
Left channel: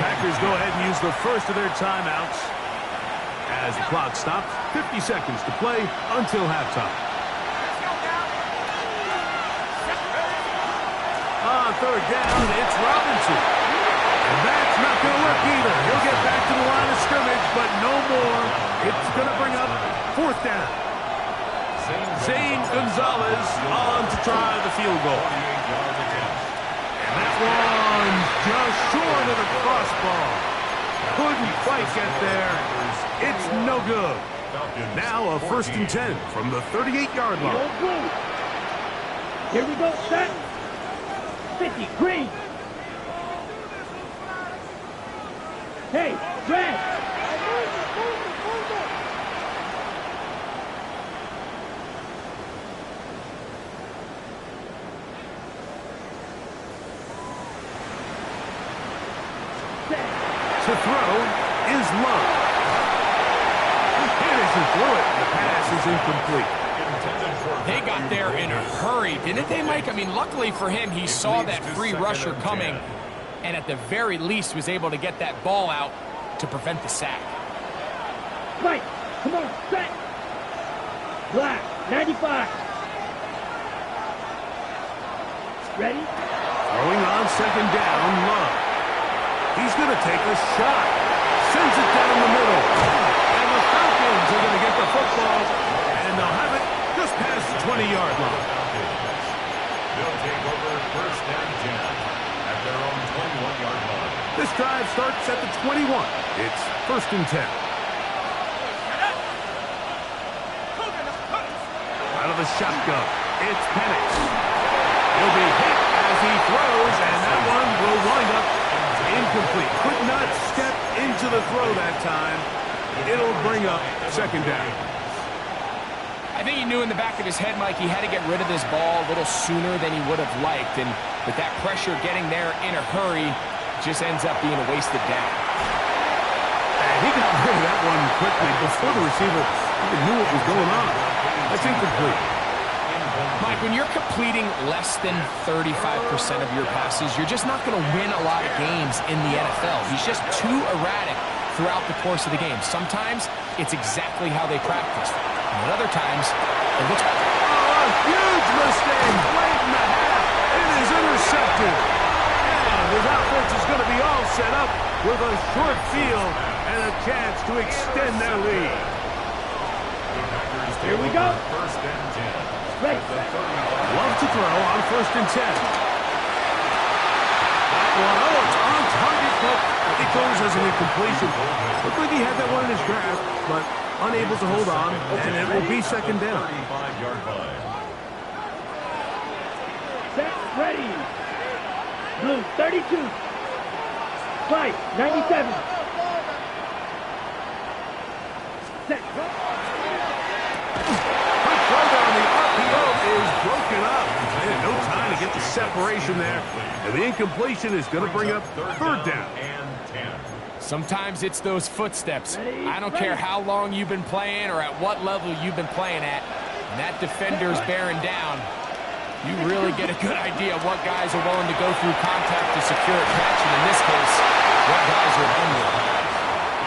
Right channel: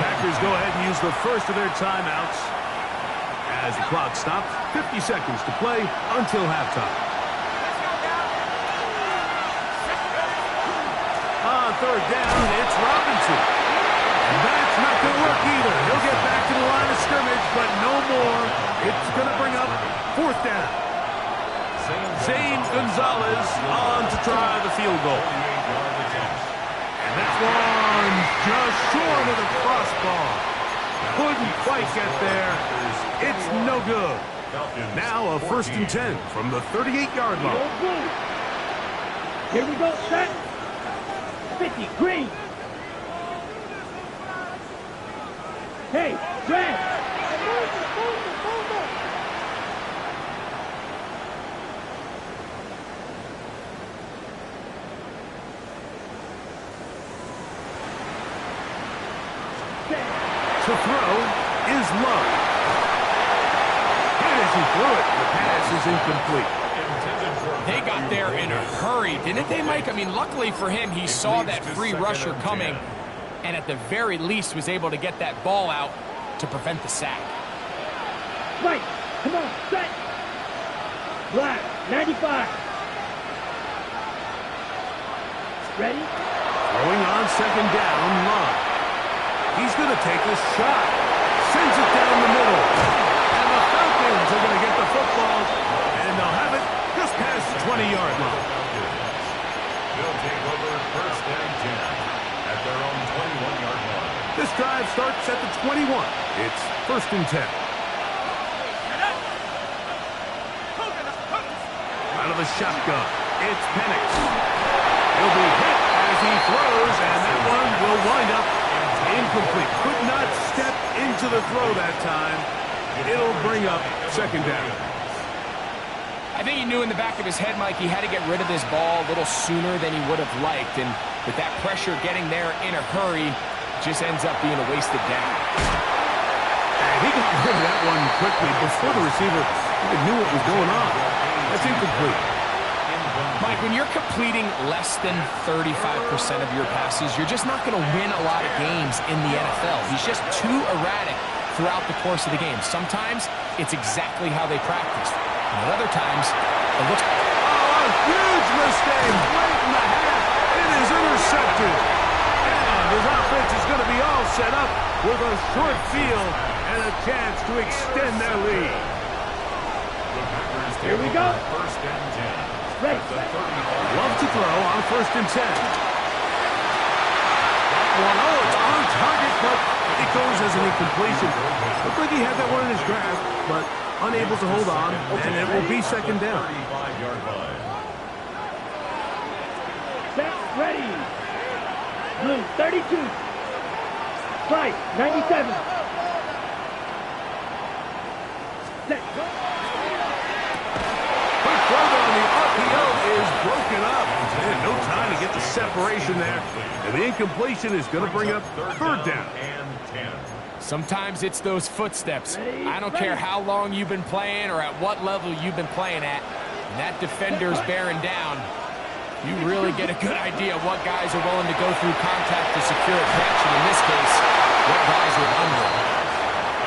Packers go ahead and use the first of their timeouts as the clock stops. 50 seconds to play until halftime. On third down, it's Robinson. And that's not going to work either. He'll get back to the line of scrimmage, but no more. It's going to bring up fourth down. Zane Gonzalez on to try the field goal. And that one just short of the crossbar. Couldn't quite get there. It's no good. Now a 1st and 10 from the 38-yard line. Here we go, set. 50, green. Hey, red. To throw is Love. And as he threw it, the pass is incomplete. They got there in a hurry, didn't they, Mike? I mean, luckily for him, he saw that free rusher coming and at the very least was able to get that ball out to prevent the sack. Mike, come on, set. Black, 95. Ready? Throwing on second down, Love. He's going to take a shot. Sends it down the middle. And the Falcons are going to get the football. And they'll have it just past the 20-yard line. They'll take over 1st and 10 at their own 21-yard line. This drive starts at the 21. It's 1st and 10. Out of the shotgun, it's Penix. He'll be hit as he throws, and that one will wind up incomplete. Could not step into the throw that time. It'll bring up 2nd down. I think he knew in the back of his head, Mike, he had to get rid of this ball a little sooner than he would have liked. And with that pressure getting there in a hurry, just ends up being a wasted down. And he got rid of that one quickly before the receiver even knew what was going on. That's incomplete. Mike, when you're completing less than 35% of your passes, you're just not going to win a lot of games in the NFL. He's just too erratic throughout the course of the game. Sometimes it's exactly how they practiced. And at other times, it looks... Oh, a huge mistake late in the half. It is intercepted. And his offense is going to be all set up with a short field and a chance to extend their lead. Here we go. 1st and 10. Ready. Love to throw on 1st and 10. That one, oh, it's on target, but it goes as an incompletion. Looked like he had that one in his grasp, but unable to hold on, and it will be 2nd down. 35-yard line. Set, ready. Blue, 32. White, 97. Set. Quick throw down, the RPO is broken up. And no time to get the separation there. And the incompletion is going to bring up 3rd down. And 10. Sometimes it's those footsteps. I don't care how long you've been playing or at what level you've been playing at. And that defender's bearing down. You really get a good idea of what guys are willing to go through contact to secure a catch. And in this case, what guys are under.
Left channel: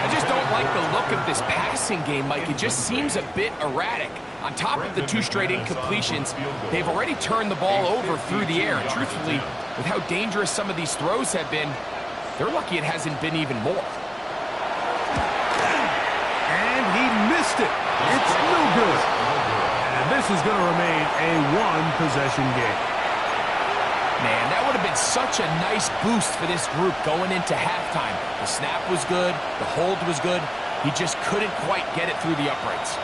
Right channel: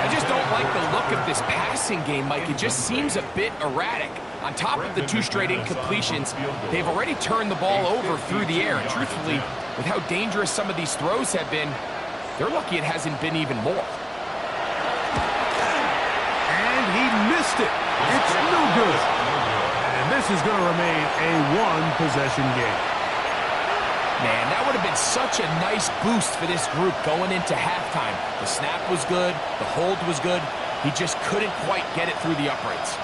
I just don't like the look of this passing game, Mike. It just seems a bit erratic. On top of the 2 straight incompletions, they've already turned the ball over through the air. And truthfully, with how dangerous some of these throws have been, they're lucky it hasn't been even more. And he missed it. It's no good. And this is going to remain a 1-possession game. Man, that would have been such a nice boost for this group going into halftime. The snap was good. The hold was good. He just couldn't quite get it through the uprights.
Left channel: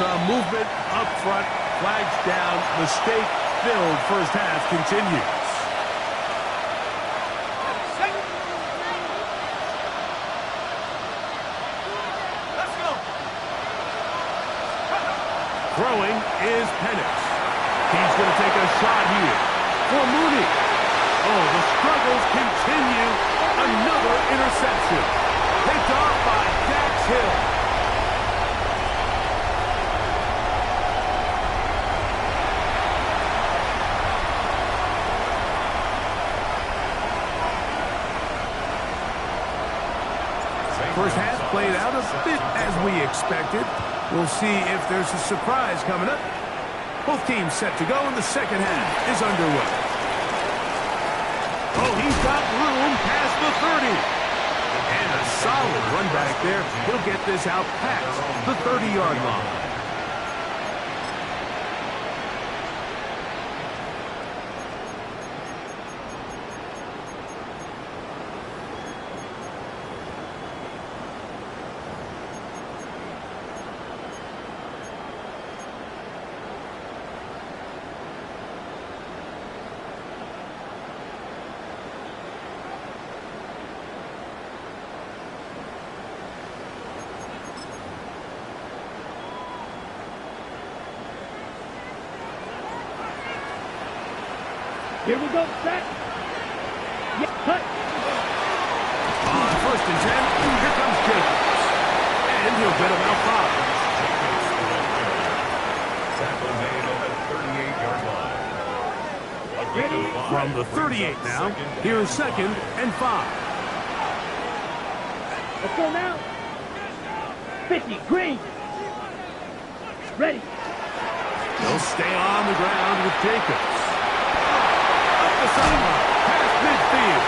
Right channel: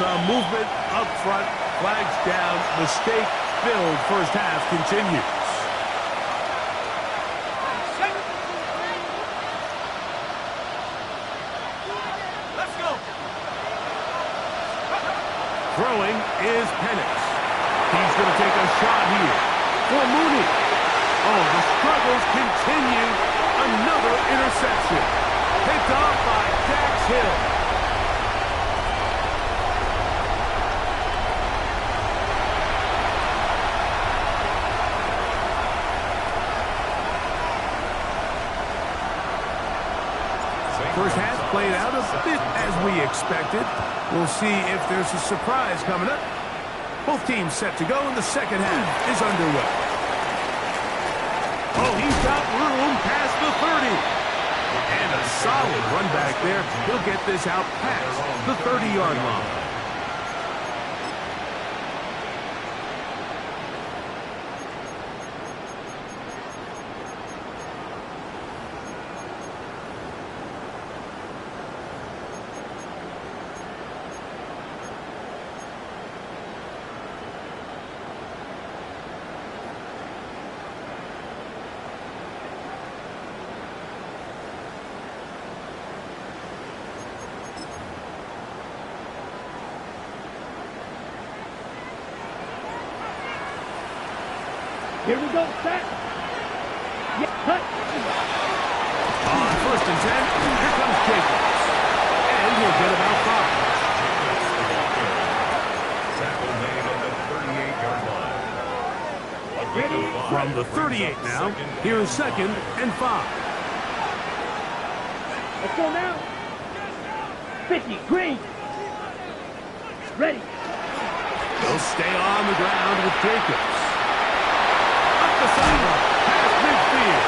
Some movement up front. Flags down. Mistake-filled first half continues. Let's go. Throwing is Penix. He's going to take a shot here for Mooney. Oh, the struggles continue. Another interception. Picked off by Dax Hill. First half played out a bit as we expected. We'll see if there's a surprise coming up. Both teams set to go, and the second half is underway. Oh, he's got room past the 30. And a solid run back there. He'll get this out past the 30-yard line. Here we go, set. Yeah, cut. On 1st and 10, here comes Jacobs. And he'll get about 5. Jacobs, the ball carrier. Tackle made at the 38-yard line. A gain of 5 From the 38 now, here's 2nd and 5. Let's go now. 50, green. Ready. They'll stay on the ground with Jacobs. Up the sideline, past midfield.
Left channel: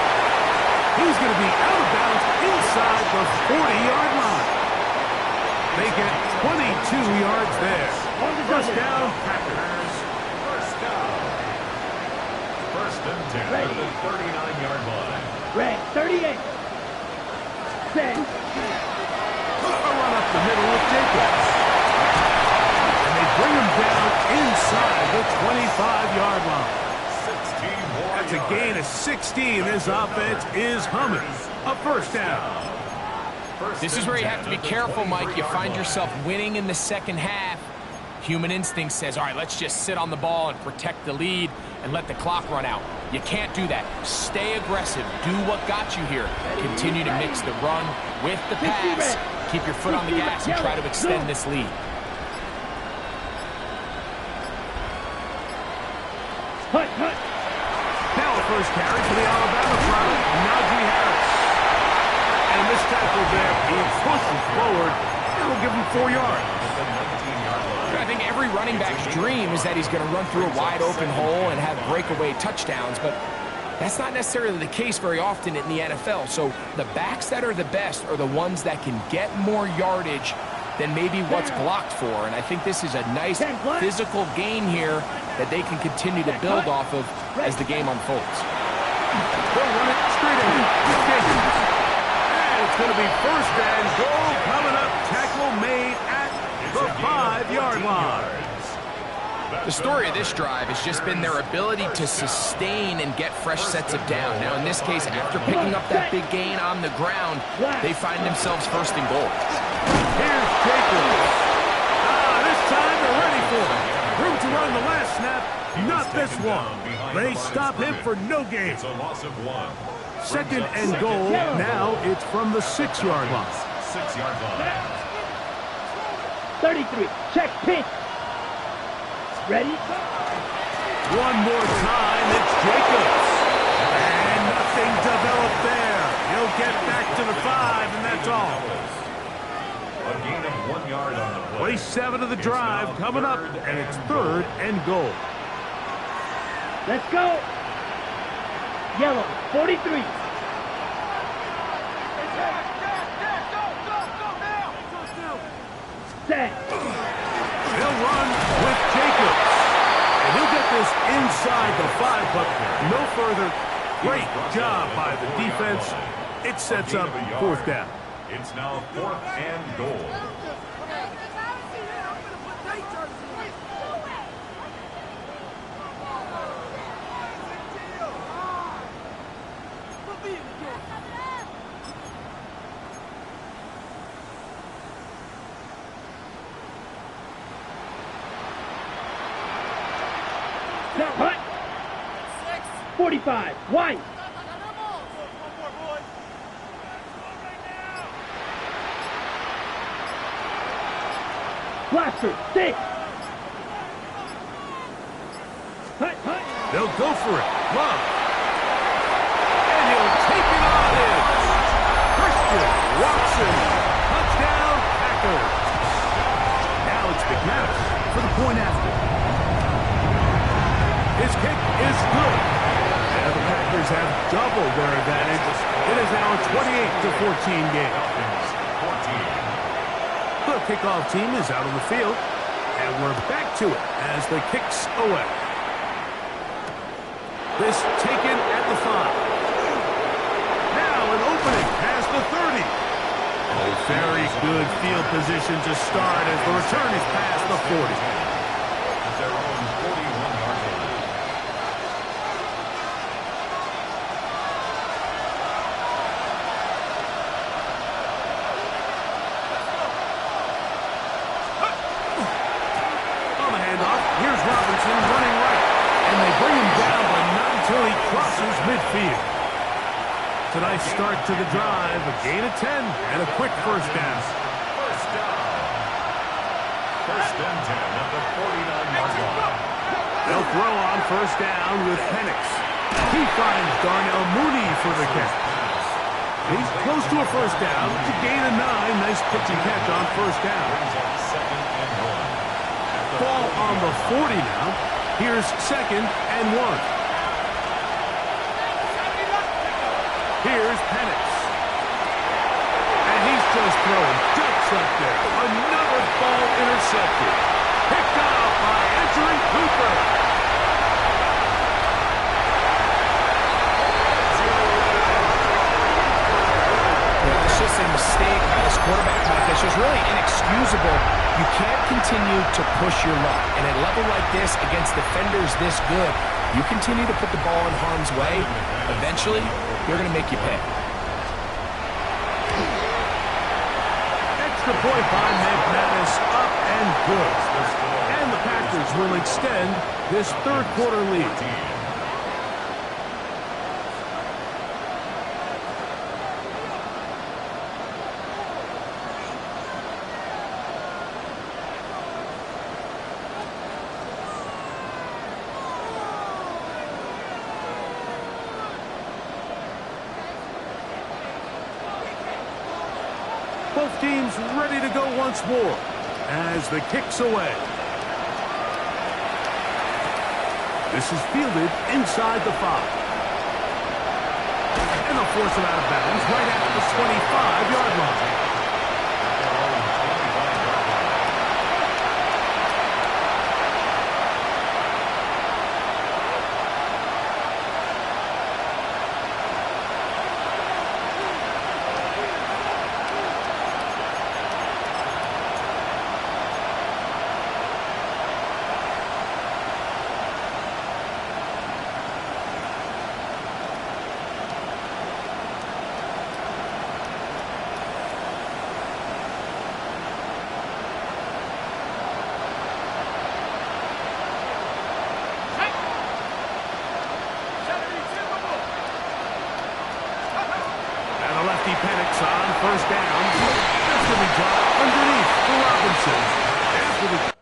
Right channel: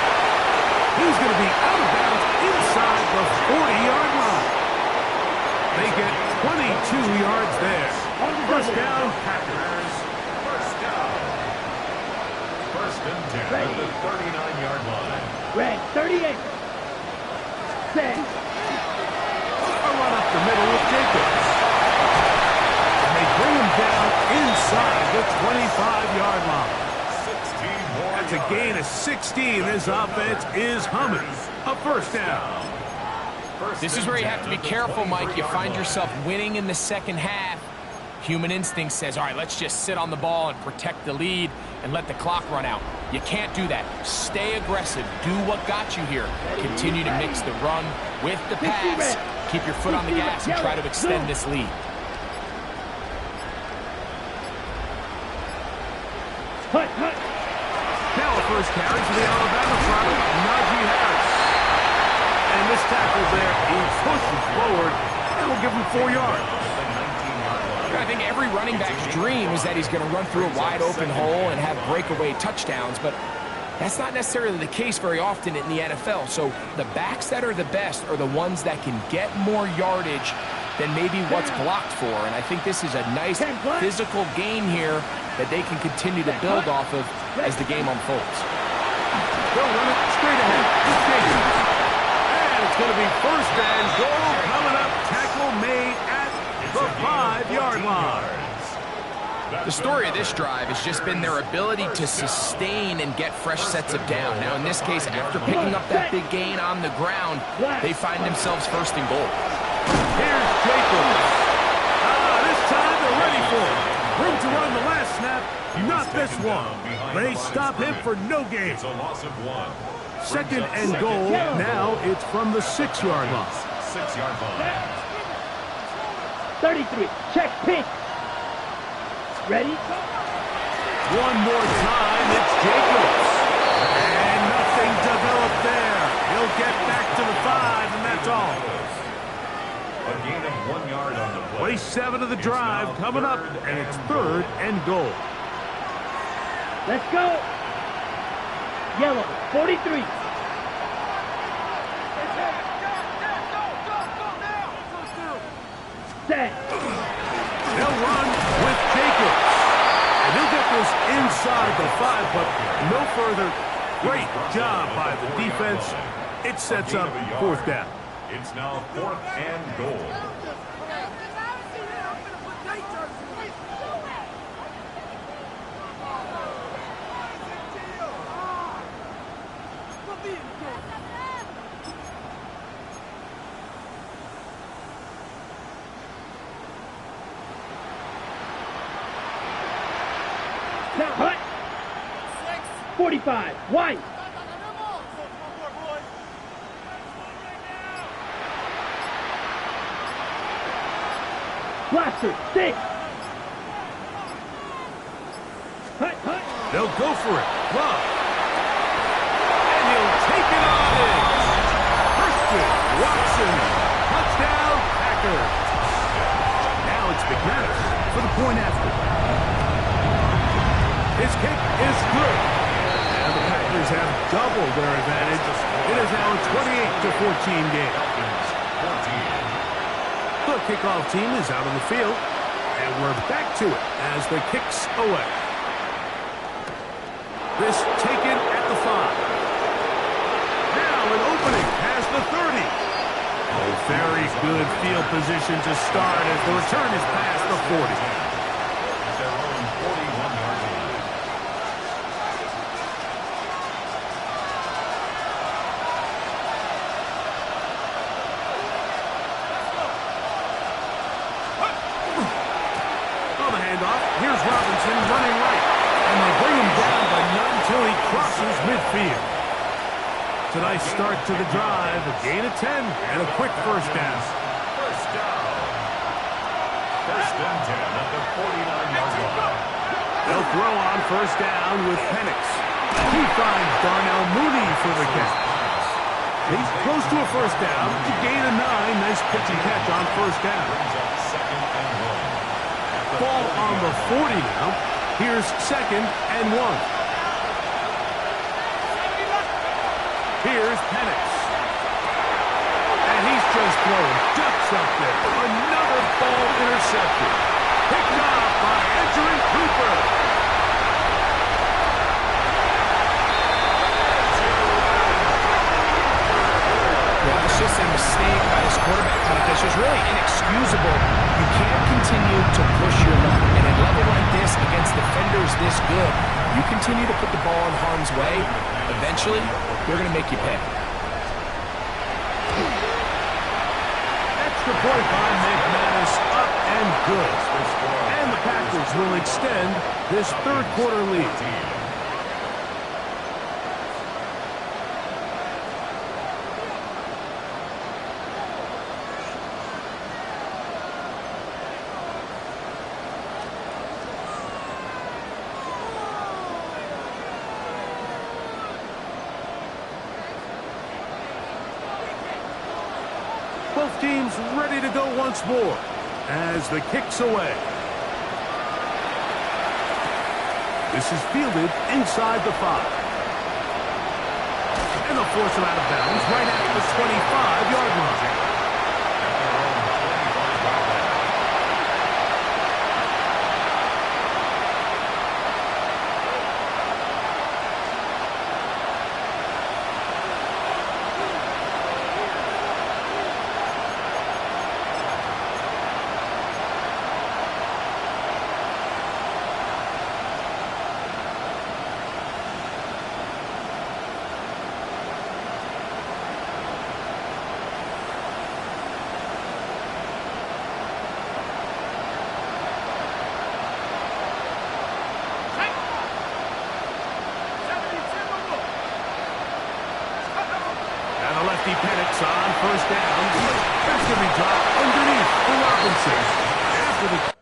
He's going to be out of bounds inside the 40-yard line. They get 22 yards there. First down, Packers. First down. 1st and 10 at the 39-yard line. Red, 38. Set. A run up the middle with Jacobs. And they bring him down inside the 25-yard line. 16 more That's a yards. gain of 16. This offense is humming. A first down. This is where you have to be careful, Mike. You find yourself winning in the second half. Human instinct says, all right, let's just sit on the ball and protect the lead and let the clock run out. You can't do that. Stay aggressive. Do what got you here. Continue to mix the run with the pass. Keep your foot on the gas and try to extend this lead. Hut, hut. Now a first carry for the Alabama product, Najee Harris. And this tackle there, he pushes forward, and will give him 4 yards. I think every running back's dream is that he's going to run through a wide open hole and have breakaway touchdowns, but that's not necessarily the case very often in the NFL. So the backs that are the best are the ones that can get more yardage than maybe what's blocked for. And I think this is a nice physical gain here that they can continue to build off of as the game unfolds. They'll run it straight ahead. And it's going to be 1st and goal coming up. Tackle made at the 5-yard line. The story of this drive has just been their ability to sustain and get fresh sets of down. Now, in this case, after picking up that big gain on the ground, they find themselves 1st and goal. Here's Jacobs. This time they're ready for it. Room to run the last snap, not this one. They stop him for no gain. It's a loss of 1. 2nd and goal. Now it's from the 6-yard line. 6-yard line. 33. Check pink. Ready? One more time, it's Jacobs. And nothing developed there. He'll get back to the 5, and that's all. A gain of 1 yard on the play. Play 7 of the drive coming up, and it's 3rd and goal. Let's go. Yellow, 43. Set. They'll run with Jacobs. And he'll get this inside the 5, but no further. Great job by the defense. It sets up 4th down. It's now 4th and goal. Now, hut. 45. White. Blaster. 6. Hut, hut. They'll go for it. Love. And he'll take it on in. Christian Watson. Touchdown, Packers. Now it's McManus for the point after. His kick is good. And the Packers have doubled their advantage. It is now a 28-14 game. The kickoff team is out on the field. And we're back to it as the kick's away. This taken at the 5. Now an opening past the 30. Oh, very good field position to start as the return is past the 40. At their own 41-yard line. On the handoff, here's Robinson running right. And they bring him down, but not until he crosses midfield. It's a nice start to the drive, a gain of 10, and a quick first down. First down. First and 10 at the 49-yard line. They'll throw on first down with Penix. He finds Darnell Mooney for the catch. He's close to a first down. It's a gain of 9. Nice pitch and catch on first down. Brings up second and 1. Ball on the 40 now. Here's second and 1. Here's Penix. And he's just throwing ducks up there. Another ball intercepted. Picked off by Edgerrin Cooper. Yeah, it's just a mistake by this quarterback, Mike. It's just really inexcusable. You can't continue to push your luck. And at a level like this, against defenders this good, you continue to put the ball in harm's way, eventually, they're going to make you pay. Extra point by McManus, up and good. And the Packers will extend this third quarter lead. Both teams ready to go once more as the kick's away. This is fielded inside the 5. And they'll force him out of bounds right at the 25-yard line. At their own 25-yard line. Lefty Penix on first down. That's going to be dropped underneath for Robinson. After the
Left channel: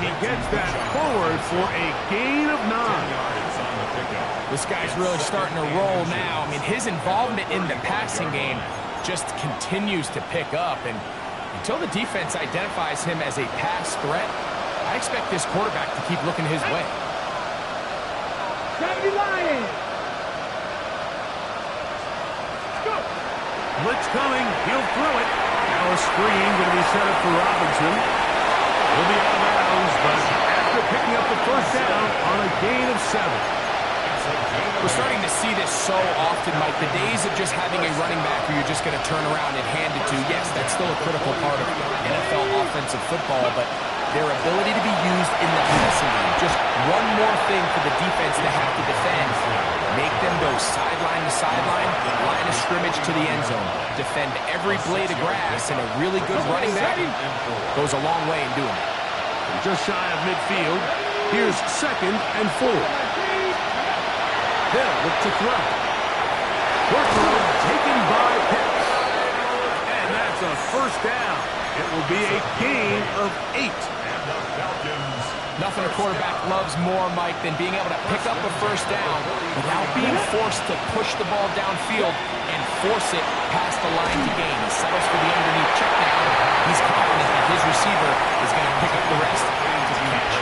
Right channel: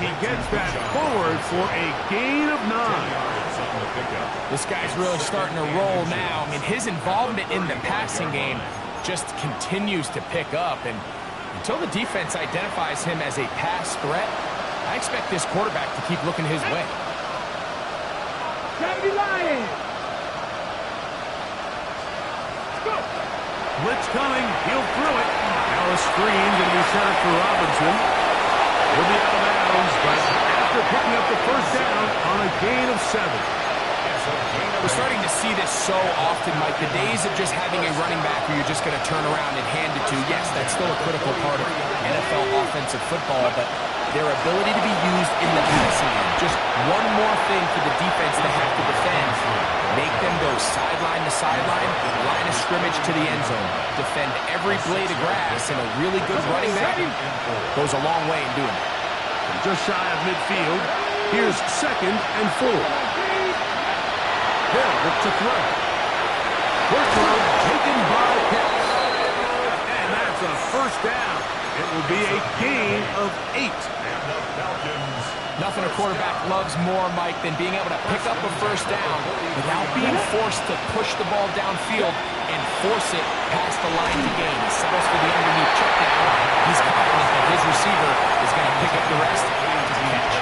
he gets that forward for a gain of 9. 10 yards on the pickup. This guy's really starting to roll now. I mean, his involvement in the passing game just continues to pick up. And until the defense identifies him as a pass threat, I expect this quarterback to keep looking his way. Gravity Lions! Blitz coming. He'll throw it. Now a screen going to be set up for Robinson. He'll be out of bounds, but after picking up the first down on a gain of 7. We're starting to see this so often, Mike. The days of just having a running back where you're just going to turn around and hand it to, yes, that's still a critical part of NFL offensive football, but their ability to be used in the passing game. Just one more thing for the defense to have to defend. Make them go sideline to sideline, line of scrimmage to the end zone. Defend every blade of grass, and a really good running back goes a long way in doing it. From just shy of midfield, here's 2nd and 4. Hill look to throw. Short throw taken by Pitts. And that's a first down. It will be a gain of 8. And the Falcons. Nothing a quarterback loves more, Mike, than being able to pick up a first down without being forced to push the ball downfield and force it past the line to gain. He settles for the underneath check down. He's confident that his receiver is going to pick up the rest to the catch.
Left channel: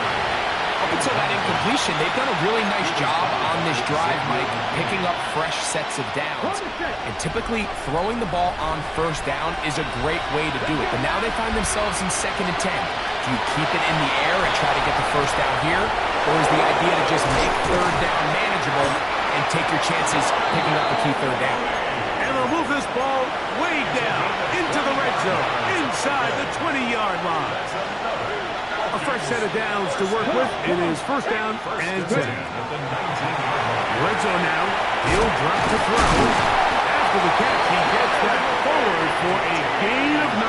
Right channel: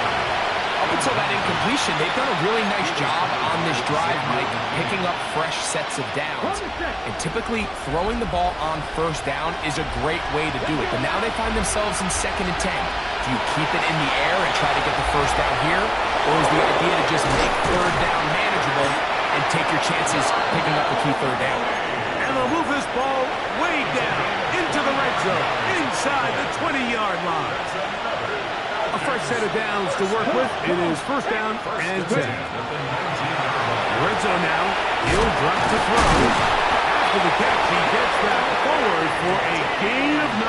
Up until that incompletion, they've done a really nice job on this drive, Mike, picking up fresh sets of downs. And typically, throwing the ball on first down is a great way to do it. But now they find themselves in 2nd and 10. Do you keep it in the air and try to get the first down here? Or is the idea to just make third down manageable and take your chances picking up a key third down? And they'll move this ball way down into the red zone, inside the 20-yard line. A fresh set of downs to work with. It is first down and 10. Red zone now. He'll drop to throw. After the catch, he gets that forward for a gain of 9.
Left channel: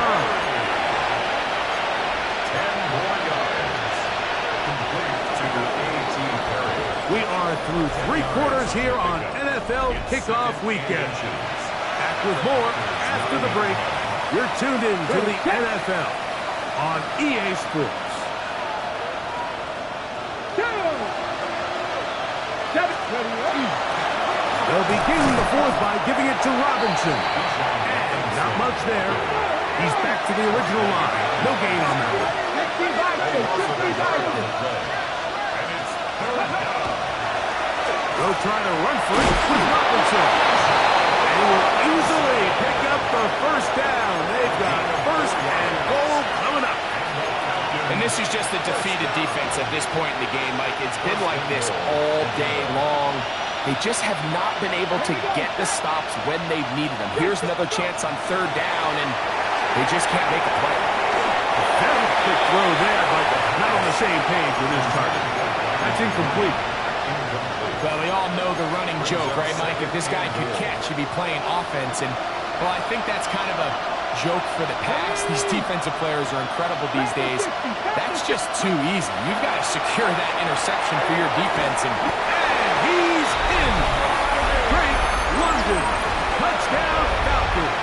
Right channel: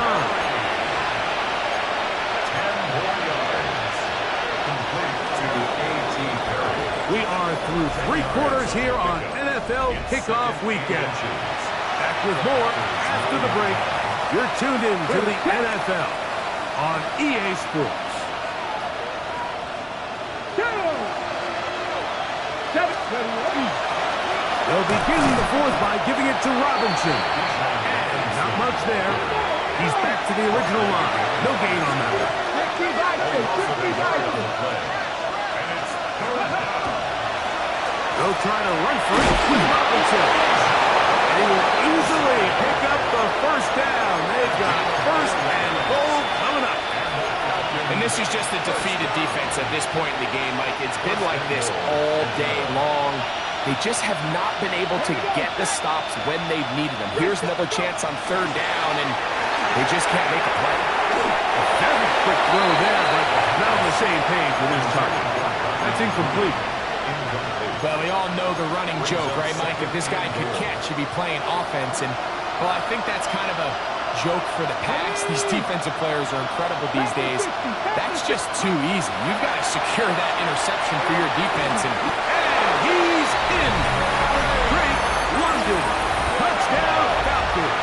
10 more yards. Complete to A.T. Perry. We are through 3 quarters here on NFL Kickoff Weekend. Back with more after the break. You're tuned in to the NFL on EA Sports. They'll begin the fourth by giving it to Robinson. And not much there. He's back to the original line. No gain on that one. They'll try to run for it with Robinson. And he will easily pick up the first down. They've got first and goal coming up. And this is just a defeated defense at this point in the game, Mike. It's been like this all day long. They just have not been able to get the stops when they've needed them. Here's another chance on third down, and they just can't make a play. A very quick throw there, but not on the same page with his target. That's incomplete. Well, we all know the running joke, right, Mike? If this guy could catch, he'd be playing offense. And, well, I think that's kind of a joke for the pass. These defensive players are incredible these days. That's just too easy. You've got to secure that interception for your defense. And he's in. Drake London. Touchdown, Falcons.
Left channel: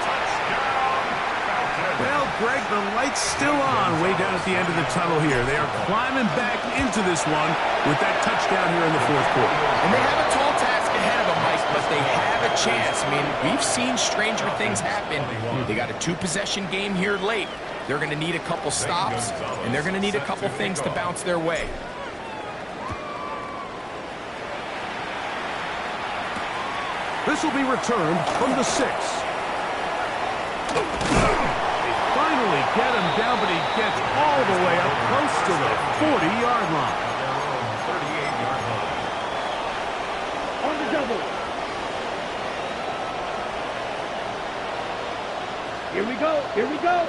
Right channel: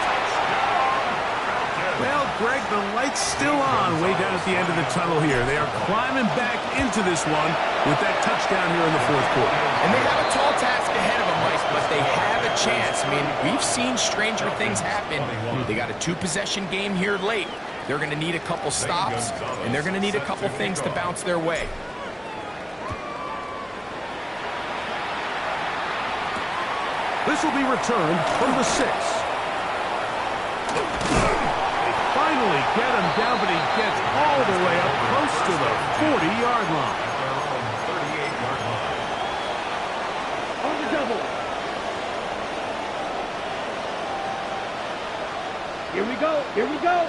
Touchdown, Falcons. Well, Greg, the light's still on way down at the end of the tunnel here. They are climbing back into this one with that touchdown here in the fourth quarter. And they have a tall task ahead of them, Mike, but they have a chance. I mean, we've seen stranger things happen. They got a 2-possession game here late. They're going to need a couple stops, and they're going to need a couple things to bounce their way. This will be returned from the 6. They finally get him down, but he gets all the way up close to the 40-yard line. At their own 38-yard line. On the double. Here we go. Here we go.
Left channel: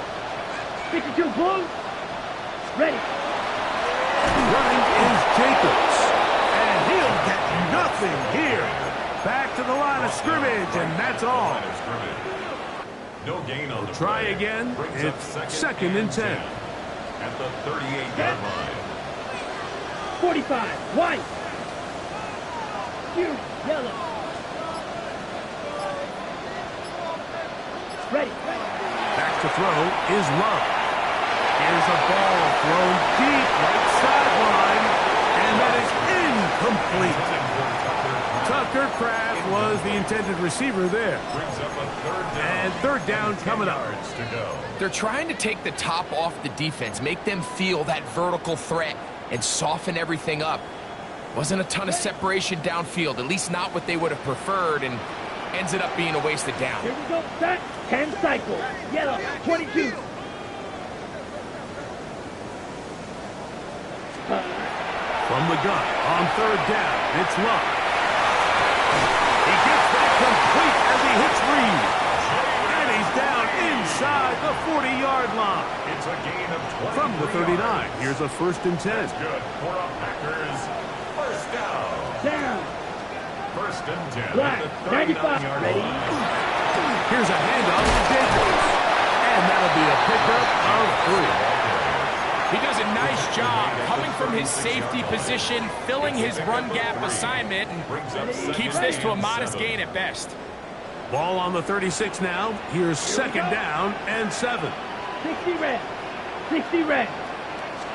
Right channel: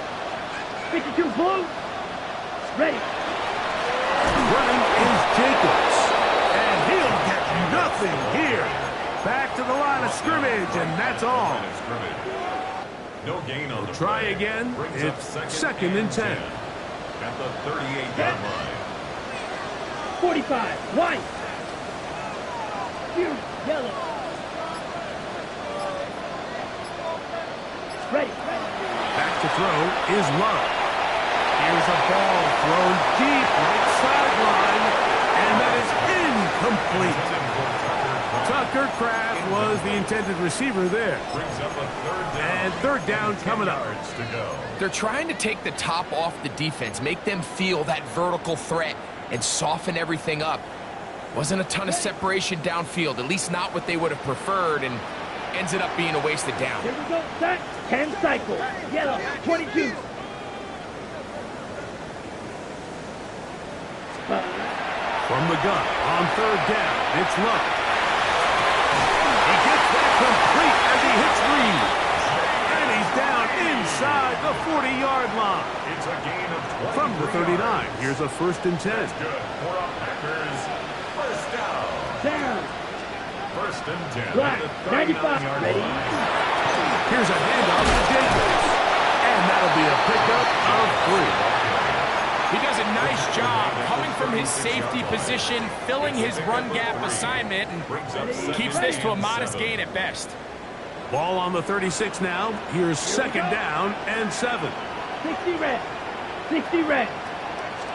52 blue. Ready. Running is Jacobs. And he'll get nothing here. Back to the line of scrimmage, and that's all. No gain on the Try play. again. Brings It's up second and 10. At the 38-yard line. 45. White. Here. Yellow. Ready. Back to throw is Love. Here's a ball thrown deep right sideline, and that is incomplete. Tucker Kraft was the intended receiver there. Brings up a third down. And third down coming up. Yards to go. They're trying to take the top off the defense, make them feel that vertical threat, and soften everything up. Wasn't a ton of separation downfield, at least not what they would have preferred, and ends up being a wasted down. Here we go, set. 10 cycles. Yellow, 22. From the gun, on third down, it's Love. He gets that complete as he hits Reed. And he's down inside the 40-yard line. It's a gain of 20. From the 39, here's a 1st and 10. That's good for a Packers first down. Down. 1st and 10. Black, At the 95. 39-yard Ready? line. Here's a handoff to Jacobs. And that'll be a pickup of 3. He does a nice job coming from his safety position, filling his run gap assignment, and keeps this to a modest gain at best. Ball on the 36 now. Here's 2nd down and 7. 60 red. 60 red.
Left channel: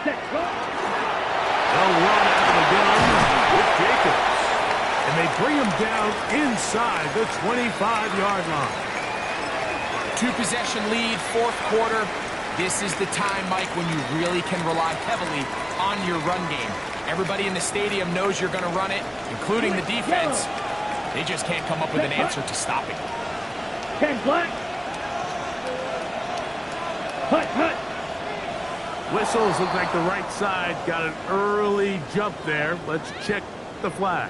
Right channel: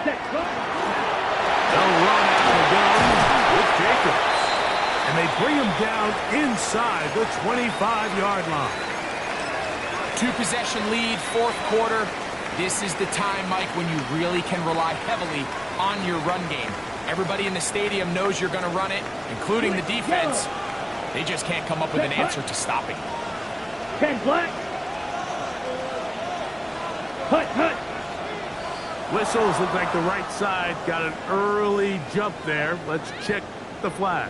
Set. Go. They'll run out of the gun with Jacobs. And they bring him down inside the 25-yard line. 2-possession lead, 4th quarter. This is the time, Mike, when you really can rely heavily on your run game. Everybody in the stadium knows you're going to run it, including the defense. They just can't come up with an answer to stopping it. 10 black. Hut, hut. Whistles look like the right side got an early jump there. Let's check the flag.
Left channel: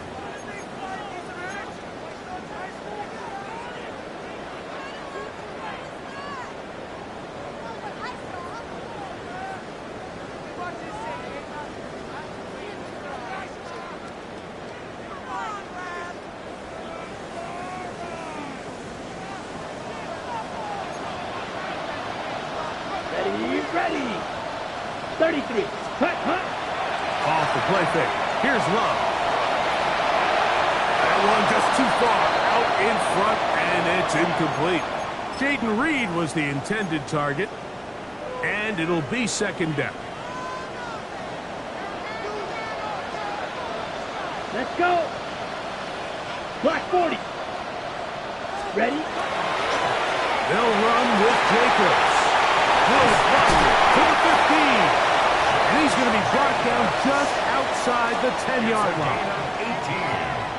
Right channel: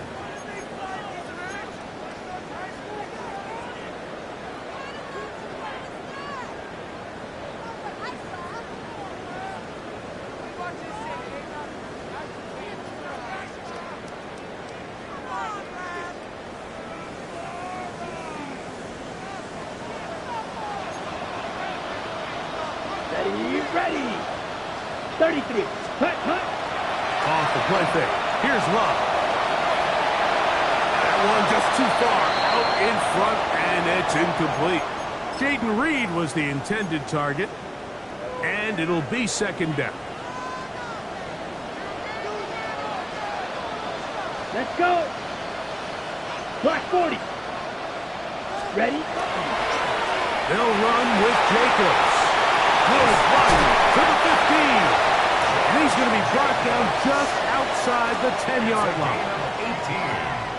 Ready. 33. Hut, hut. Off the play fake. Here's Love. That one just too far out in front, and it's incomplete. Jaden Reed was the intended target, and it'll be 2nd down. Let's go. Black 40. Ready? They'll run with Jacobs. Goes wide to the 15. And he's going to be brought down just outside the 10-yard line.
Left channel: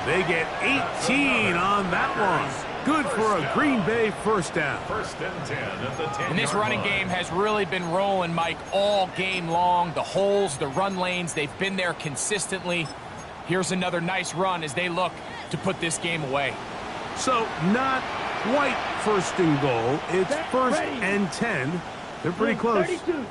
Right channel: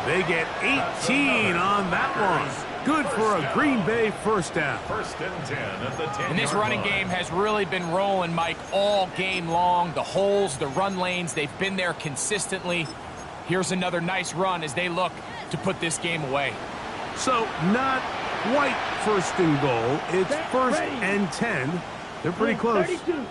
They get 18 on that one. Good for a Green Bay first down. 1st and 10 at the 10-yard line. And this running game has really been rolling, Mike, all game long. The holes, the run lanes, they've been there consistently. Here's another nice run as they look to put this game away. So not quite 1st and goal. It's 1st and 10. They're pretty close. 32.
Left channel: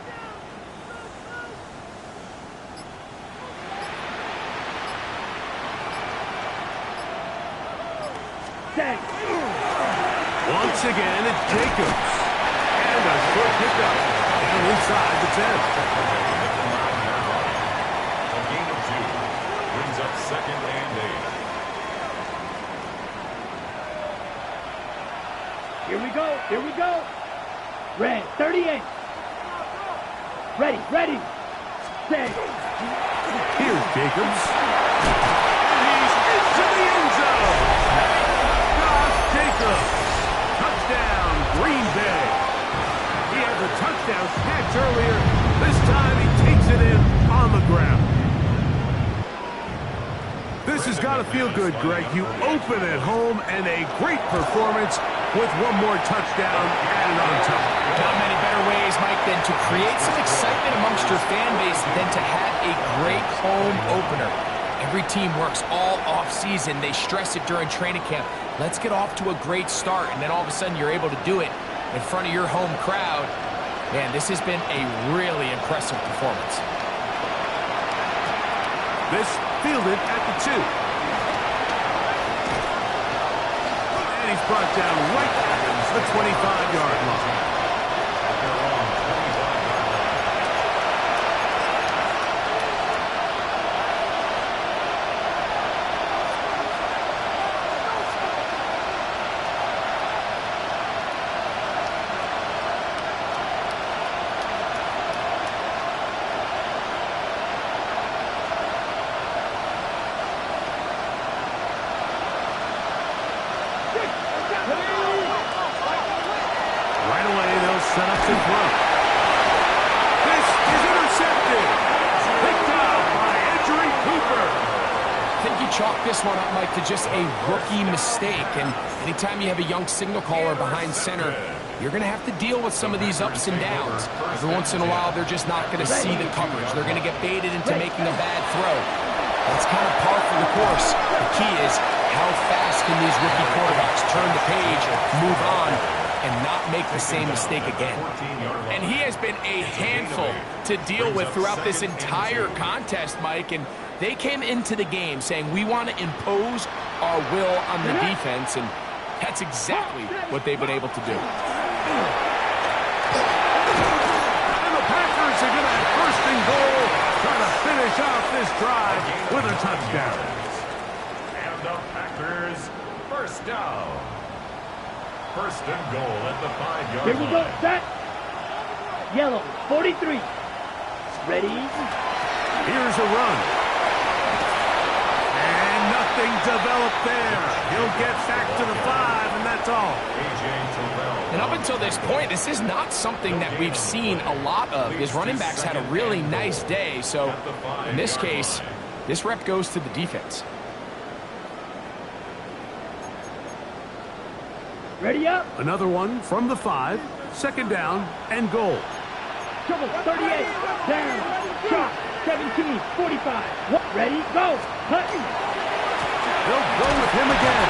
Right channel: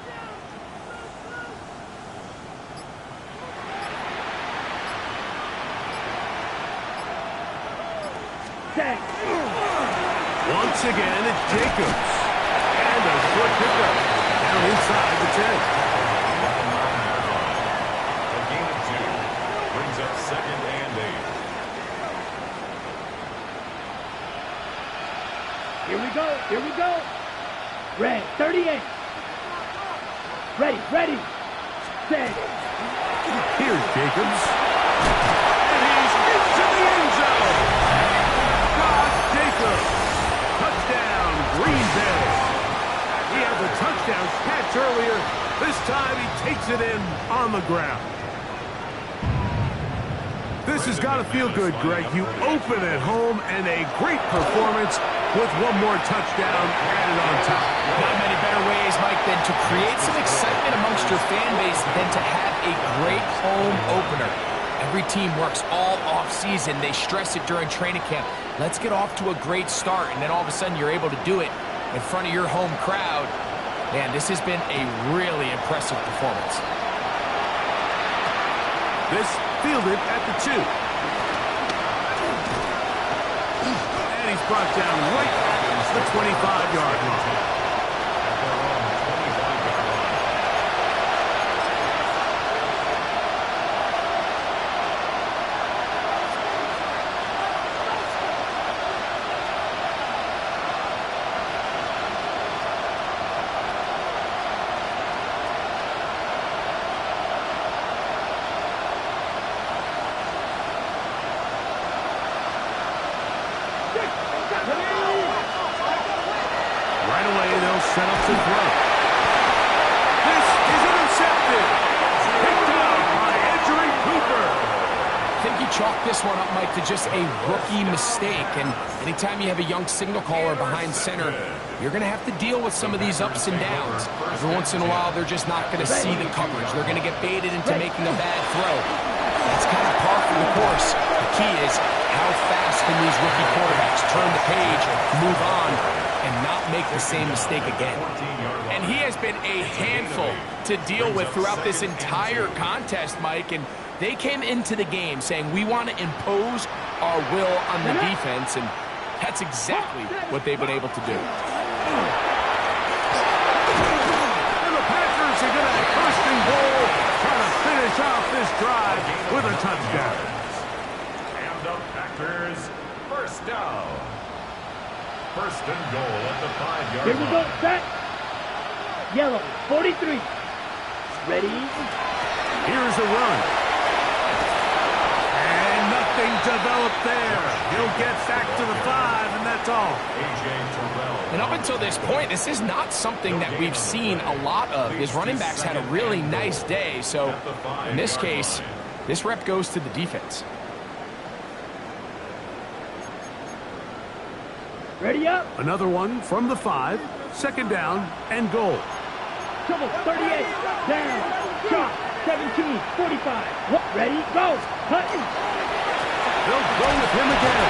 Once again, it's Jacobs. And a short pickup down inside the 10. A gain of 2. Brings up 2nd and 8. Here we go. Here we go. Red, 38. Ready. Set. Here's Jacobs. And he's into the end zone. Josh Jacobs. Touchdown, Green Bay. He had the touchdown catch earlier. This time he takes it in on the ground. This has got to feel good, Greg. You open at home and a great performance with one more touchdown added on top. Not many better ways, Mike, than to create some excitement amongst your fan base than to have a great home opener. Every team works all off-season. They stress it during training camp. Let's get off to a great start, and then all of a sudden you're able to do it in front of your home crowd. Man, this has been a really impressive performance. This fielded at the 2. And he's brought down right at the 25-yard line. At their own 25-yard line. set up to throw. This is intercepted. Picked out by Edgerrin Cooper. I think you chalk this one up, Mike, to just a rookie mistake. And anytime you have a young signal caller behind center, you're going to have to deal with some of these ups and downs. Every once in a while, they're just not going to see the coverage. They're going to get baited into making a bad throw. That's kind of par for the course. The key is how fast can these rookie quarterbacks turn the page, move on, and not make the same mistake again. And he has been a handful to deal with throughout this entire contest, Mike. And they came into the game saying, we want to impose our will on the defense, and that's exactly what they've been able to do. And the Packers are going to have first and goal, trying to finish off this drive with a touchdown. And the Packers, first down. First and goal at the 5-yard line. Here we go, set. Yellow, 43. Ready? Here's a run. And nothing developed there. He'll get back to the 5, and that's all. And up until this point, this is not something that we've seen a lot of. His running backs had a really nice day, so in this case, this rep goes to the defense. Ready up. Another one from the 5, second down and goal. Trouble, 38. Down. Shot, 17, 45. Ready, go. Cut. They'll go with him again.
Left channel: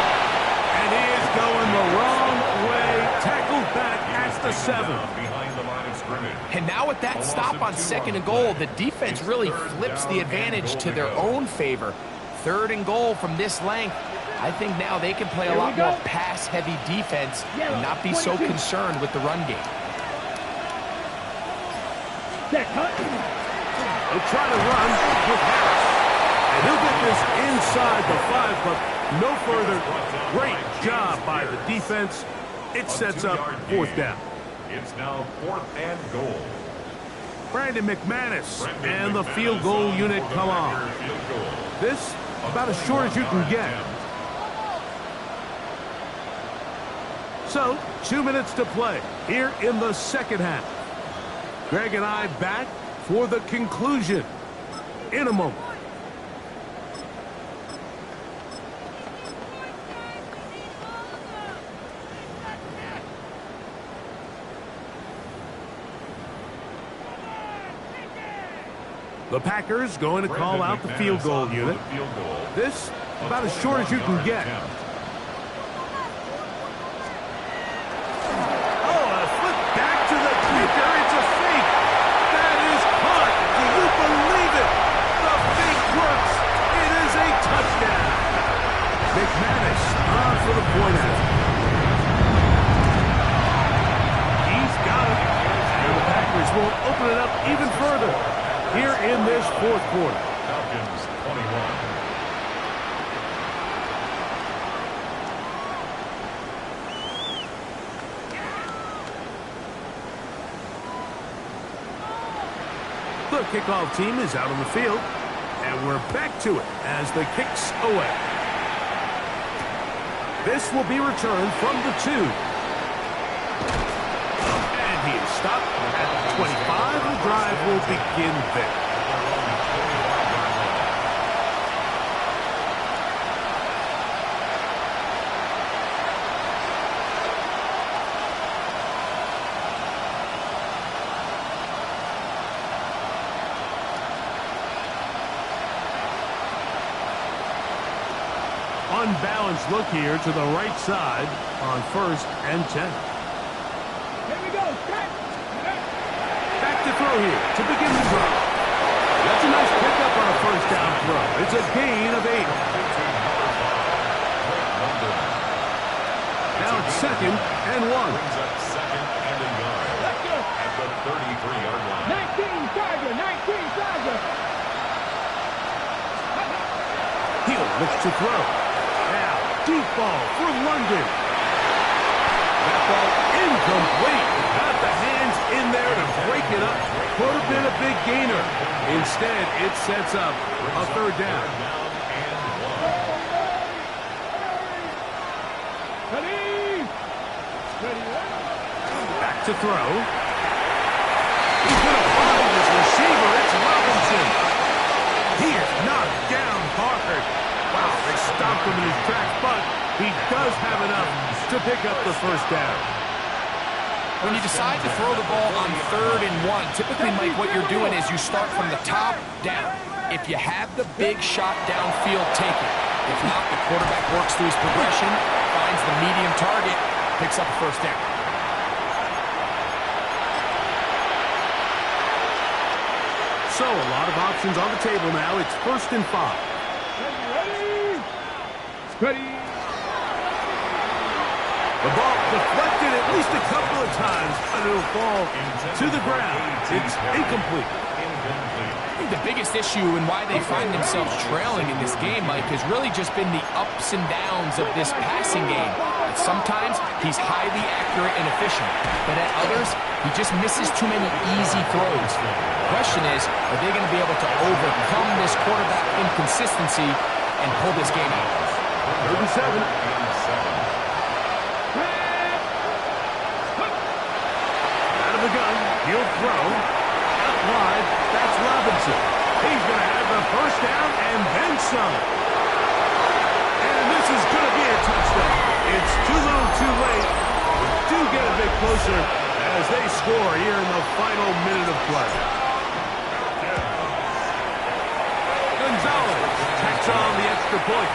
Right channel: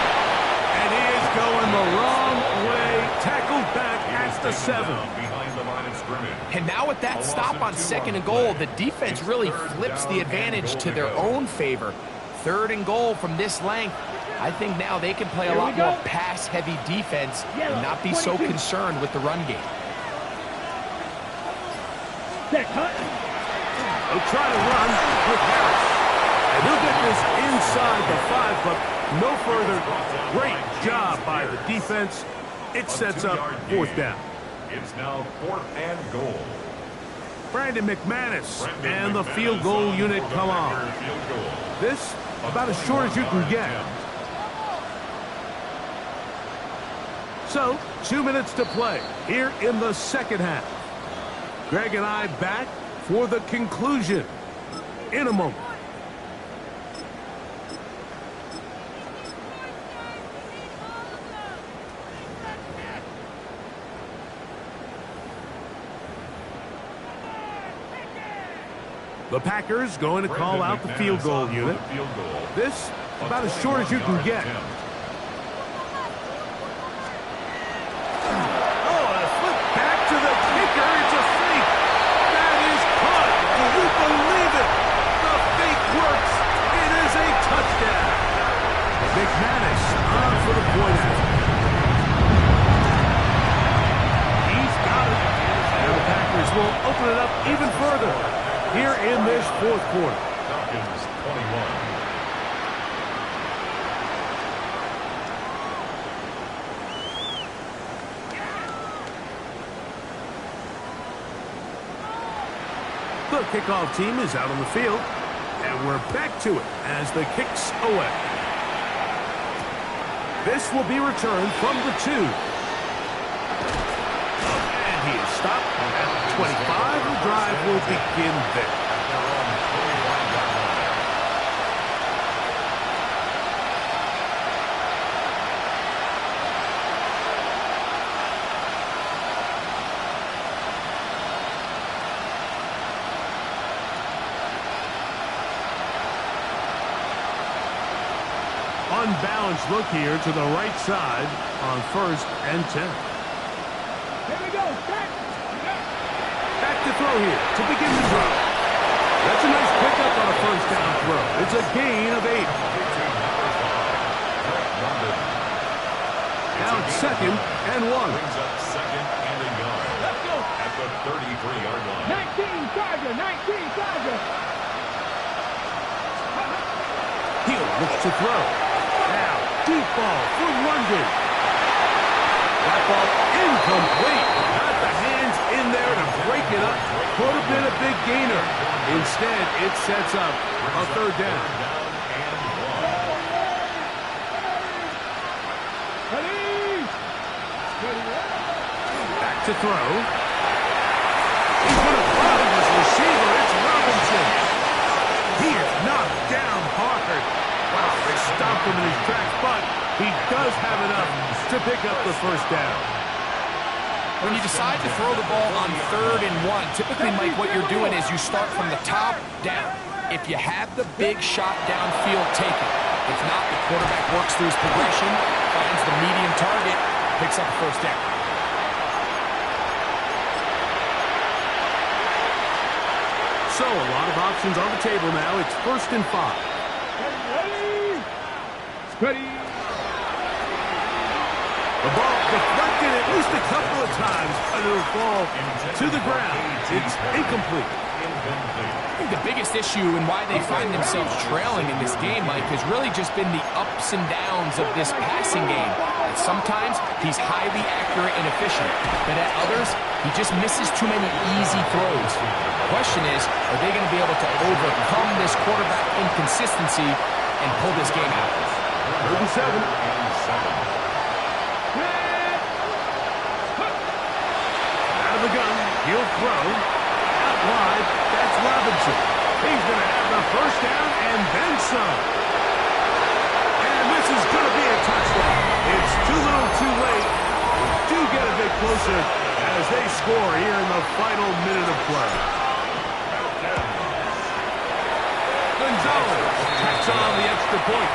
And he is going the wrong way. Tackled back at the 7. Behind the line of scrimmage. And now with that stop on second and goal, the defense really flips the advantage to their own favor. Third and goal from this length. I think now they can play a lot more pass-heavy defense and not be so concerned with the run game. Set, cut. They'll try to run with Harris. And he'll get this inside the 5, but no further. Great job by the defense. It sets up fourth down. It's now 4th and goal. Brandon McManus and the field goal unit come on. This about as short as you can get. So, 2 minutes to play here in the second half. Greg and I back for the conclusion in a moment. The Packers going to call out the field goal unit. This about as short as you can get. To the kicker, it's a fake. That is caught. Do you believe it? The fake works. It is a touchdown. McManus on for the point out. He's got it. And the Packers will open it up even further here in this fourth quarter. Falcons 21. The kickoff team is out on the field, and we're back to it as the kick's away. This will be returned from the 2. And he is stopped at 25. The drive will begin there. At their own 25-yard line. Unbalanced look here to the right side on 1st and 10. Here we go, set. Back to throw here to begin the drive. That's a nice pickup on a first down throw. It's a gain of 8. Now it's 2nd and 1. Brings up 2nd and a yard. Let's go. At the 33-yard line. 19 Charger, 19 Charger. He'll look to throw. Now, deep ball for London. That ball incomplete. Got the hands in there to break it up. Could have been a big gainer. Instead, it sets up a third down. Ready? back to throw. He's going to find his receiver. It's Robinson. He is knocked down hard. Wow, they stopped him in his tracks, but he does have enough to pick up the first down. When you decide to throw the ball on 3rd and 1, typically, Mike, what you're doing is you start from the top down. If you have the big shot downfield, take it. If not, the quarterback works through his progression, finds the medium target, picks up a first down. So a lot of options on the table now. It's 1st and 5. Ready. The ball deflected at least a couple of times, and it'll fall to the ground. It's incomplete. I think the biggest issue and why they find themselves trailing in this game, Mike, has really just been the ups and downs of this passing game. At sometimes, he's highly accurate and efficient, but at others, he just misses too many easy throws. The question is, are they going to be able to overcome this quarterback inconsistency and pull this game out? 3rd and 7. Out of the gun, he'll throw. Out wide, that's Robinson. He's going to have the first down and then some. And this is going to be a touchdown. It's too little too late. We do get a bit closer as they score here in the final minute of play. Gonzalez tacks on the extra point.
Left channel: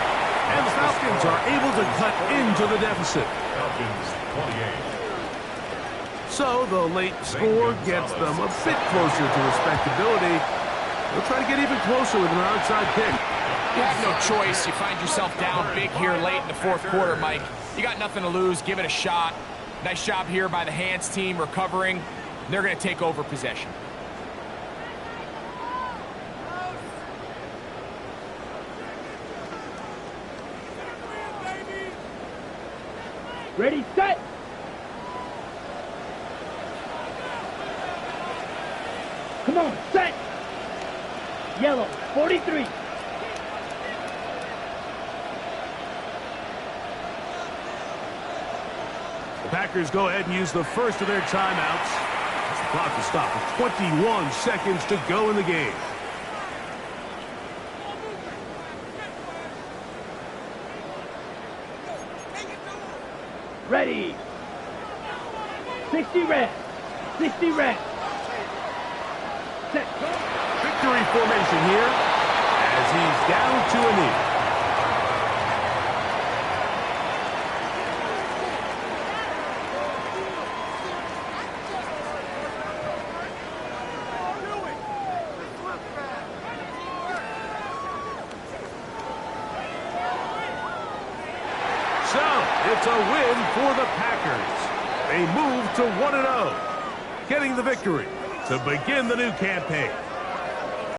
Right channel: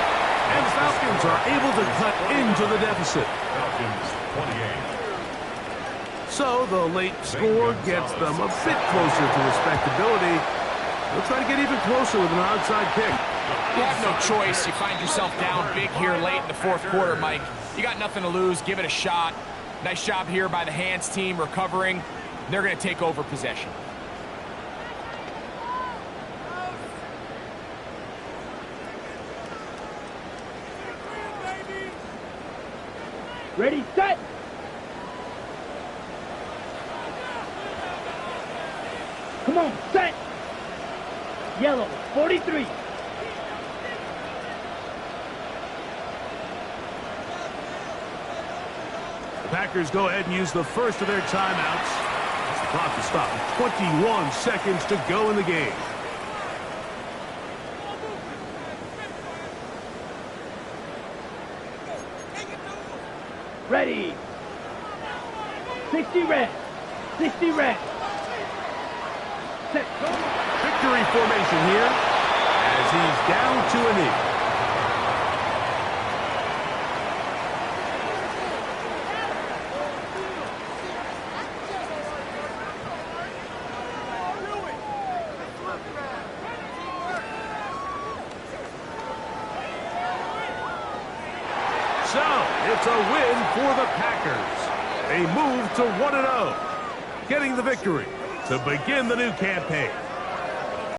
And the Falcons are able to cut into the deficit. Falcons 28. So the late score gets them a bit closer to respectability. They'll try to get even closer with an onside kick. You have no choice. You find yourself down big here late in the 4th quarter, Mike. You got nothing to lose. Give it a shot. Nice job here by the hands team recovering. They're going to take over possession. Ready, set. Come on, set. Yellow, 43. The Packers go ahead and use the first of their timeouts. The clock will stop with 21 seconds to go in the game. Ready. 60 red. 60 red. Set, go. Victory formation here as he's down to a knee. So, it's a win for the Packers. They move to 1-0, getting the victory to begin the new campaign.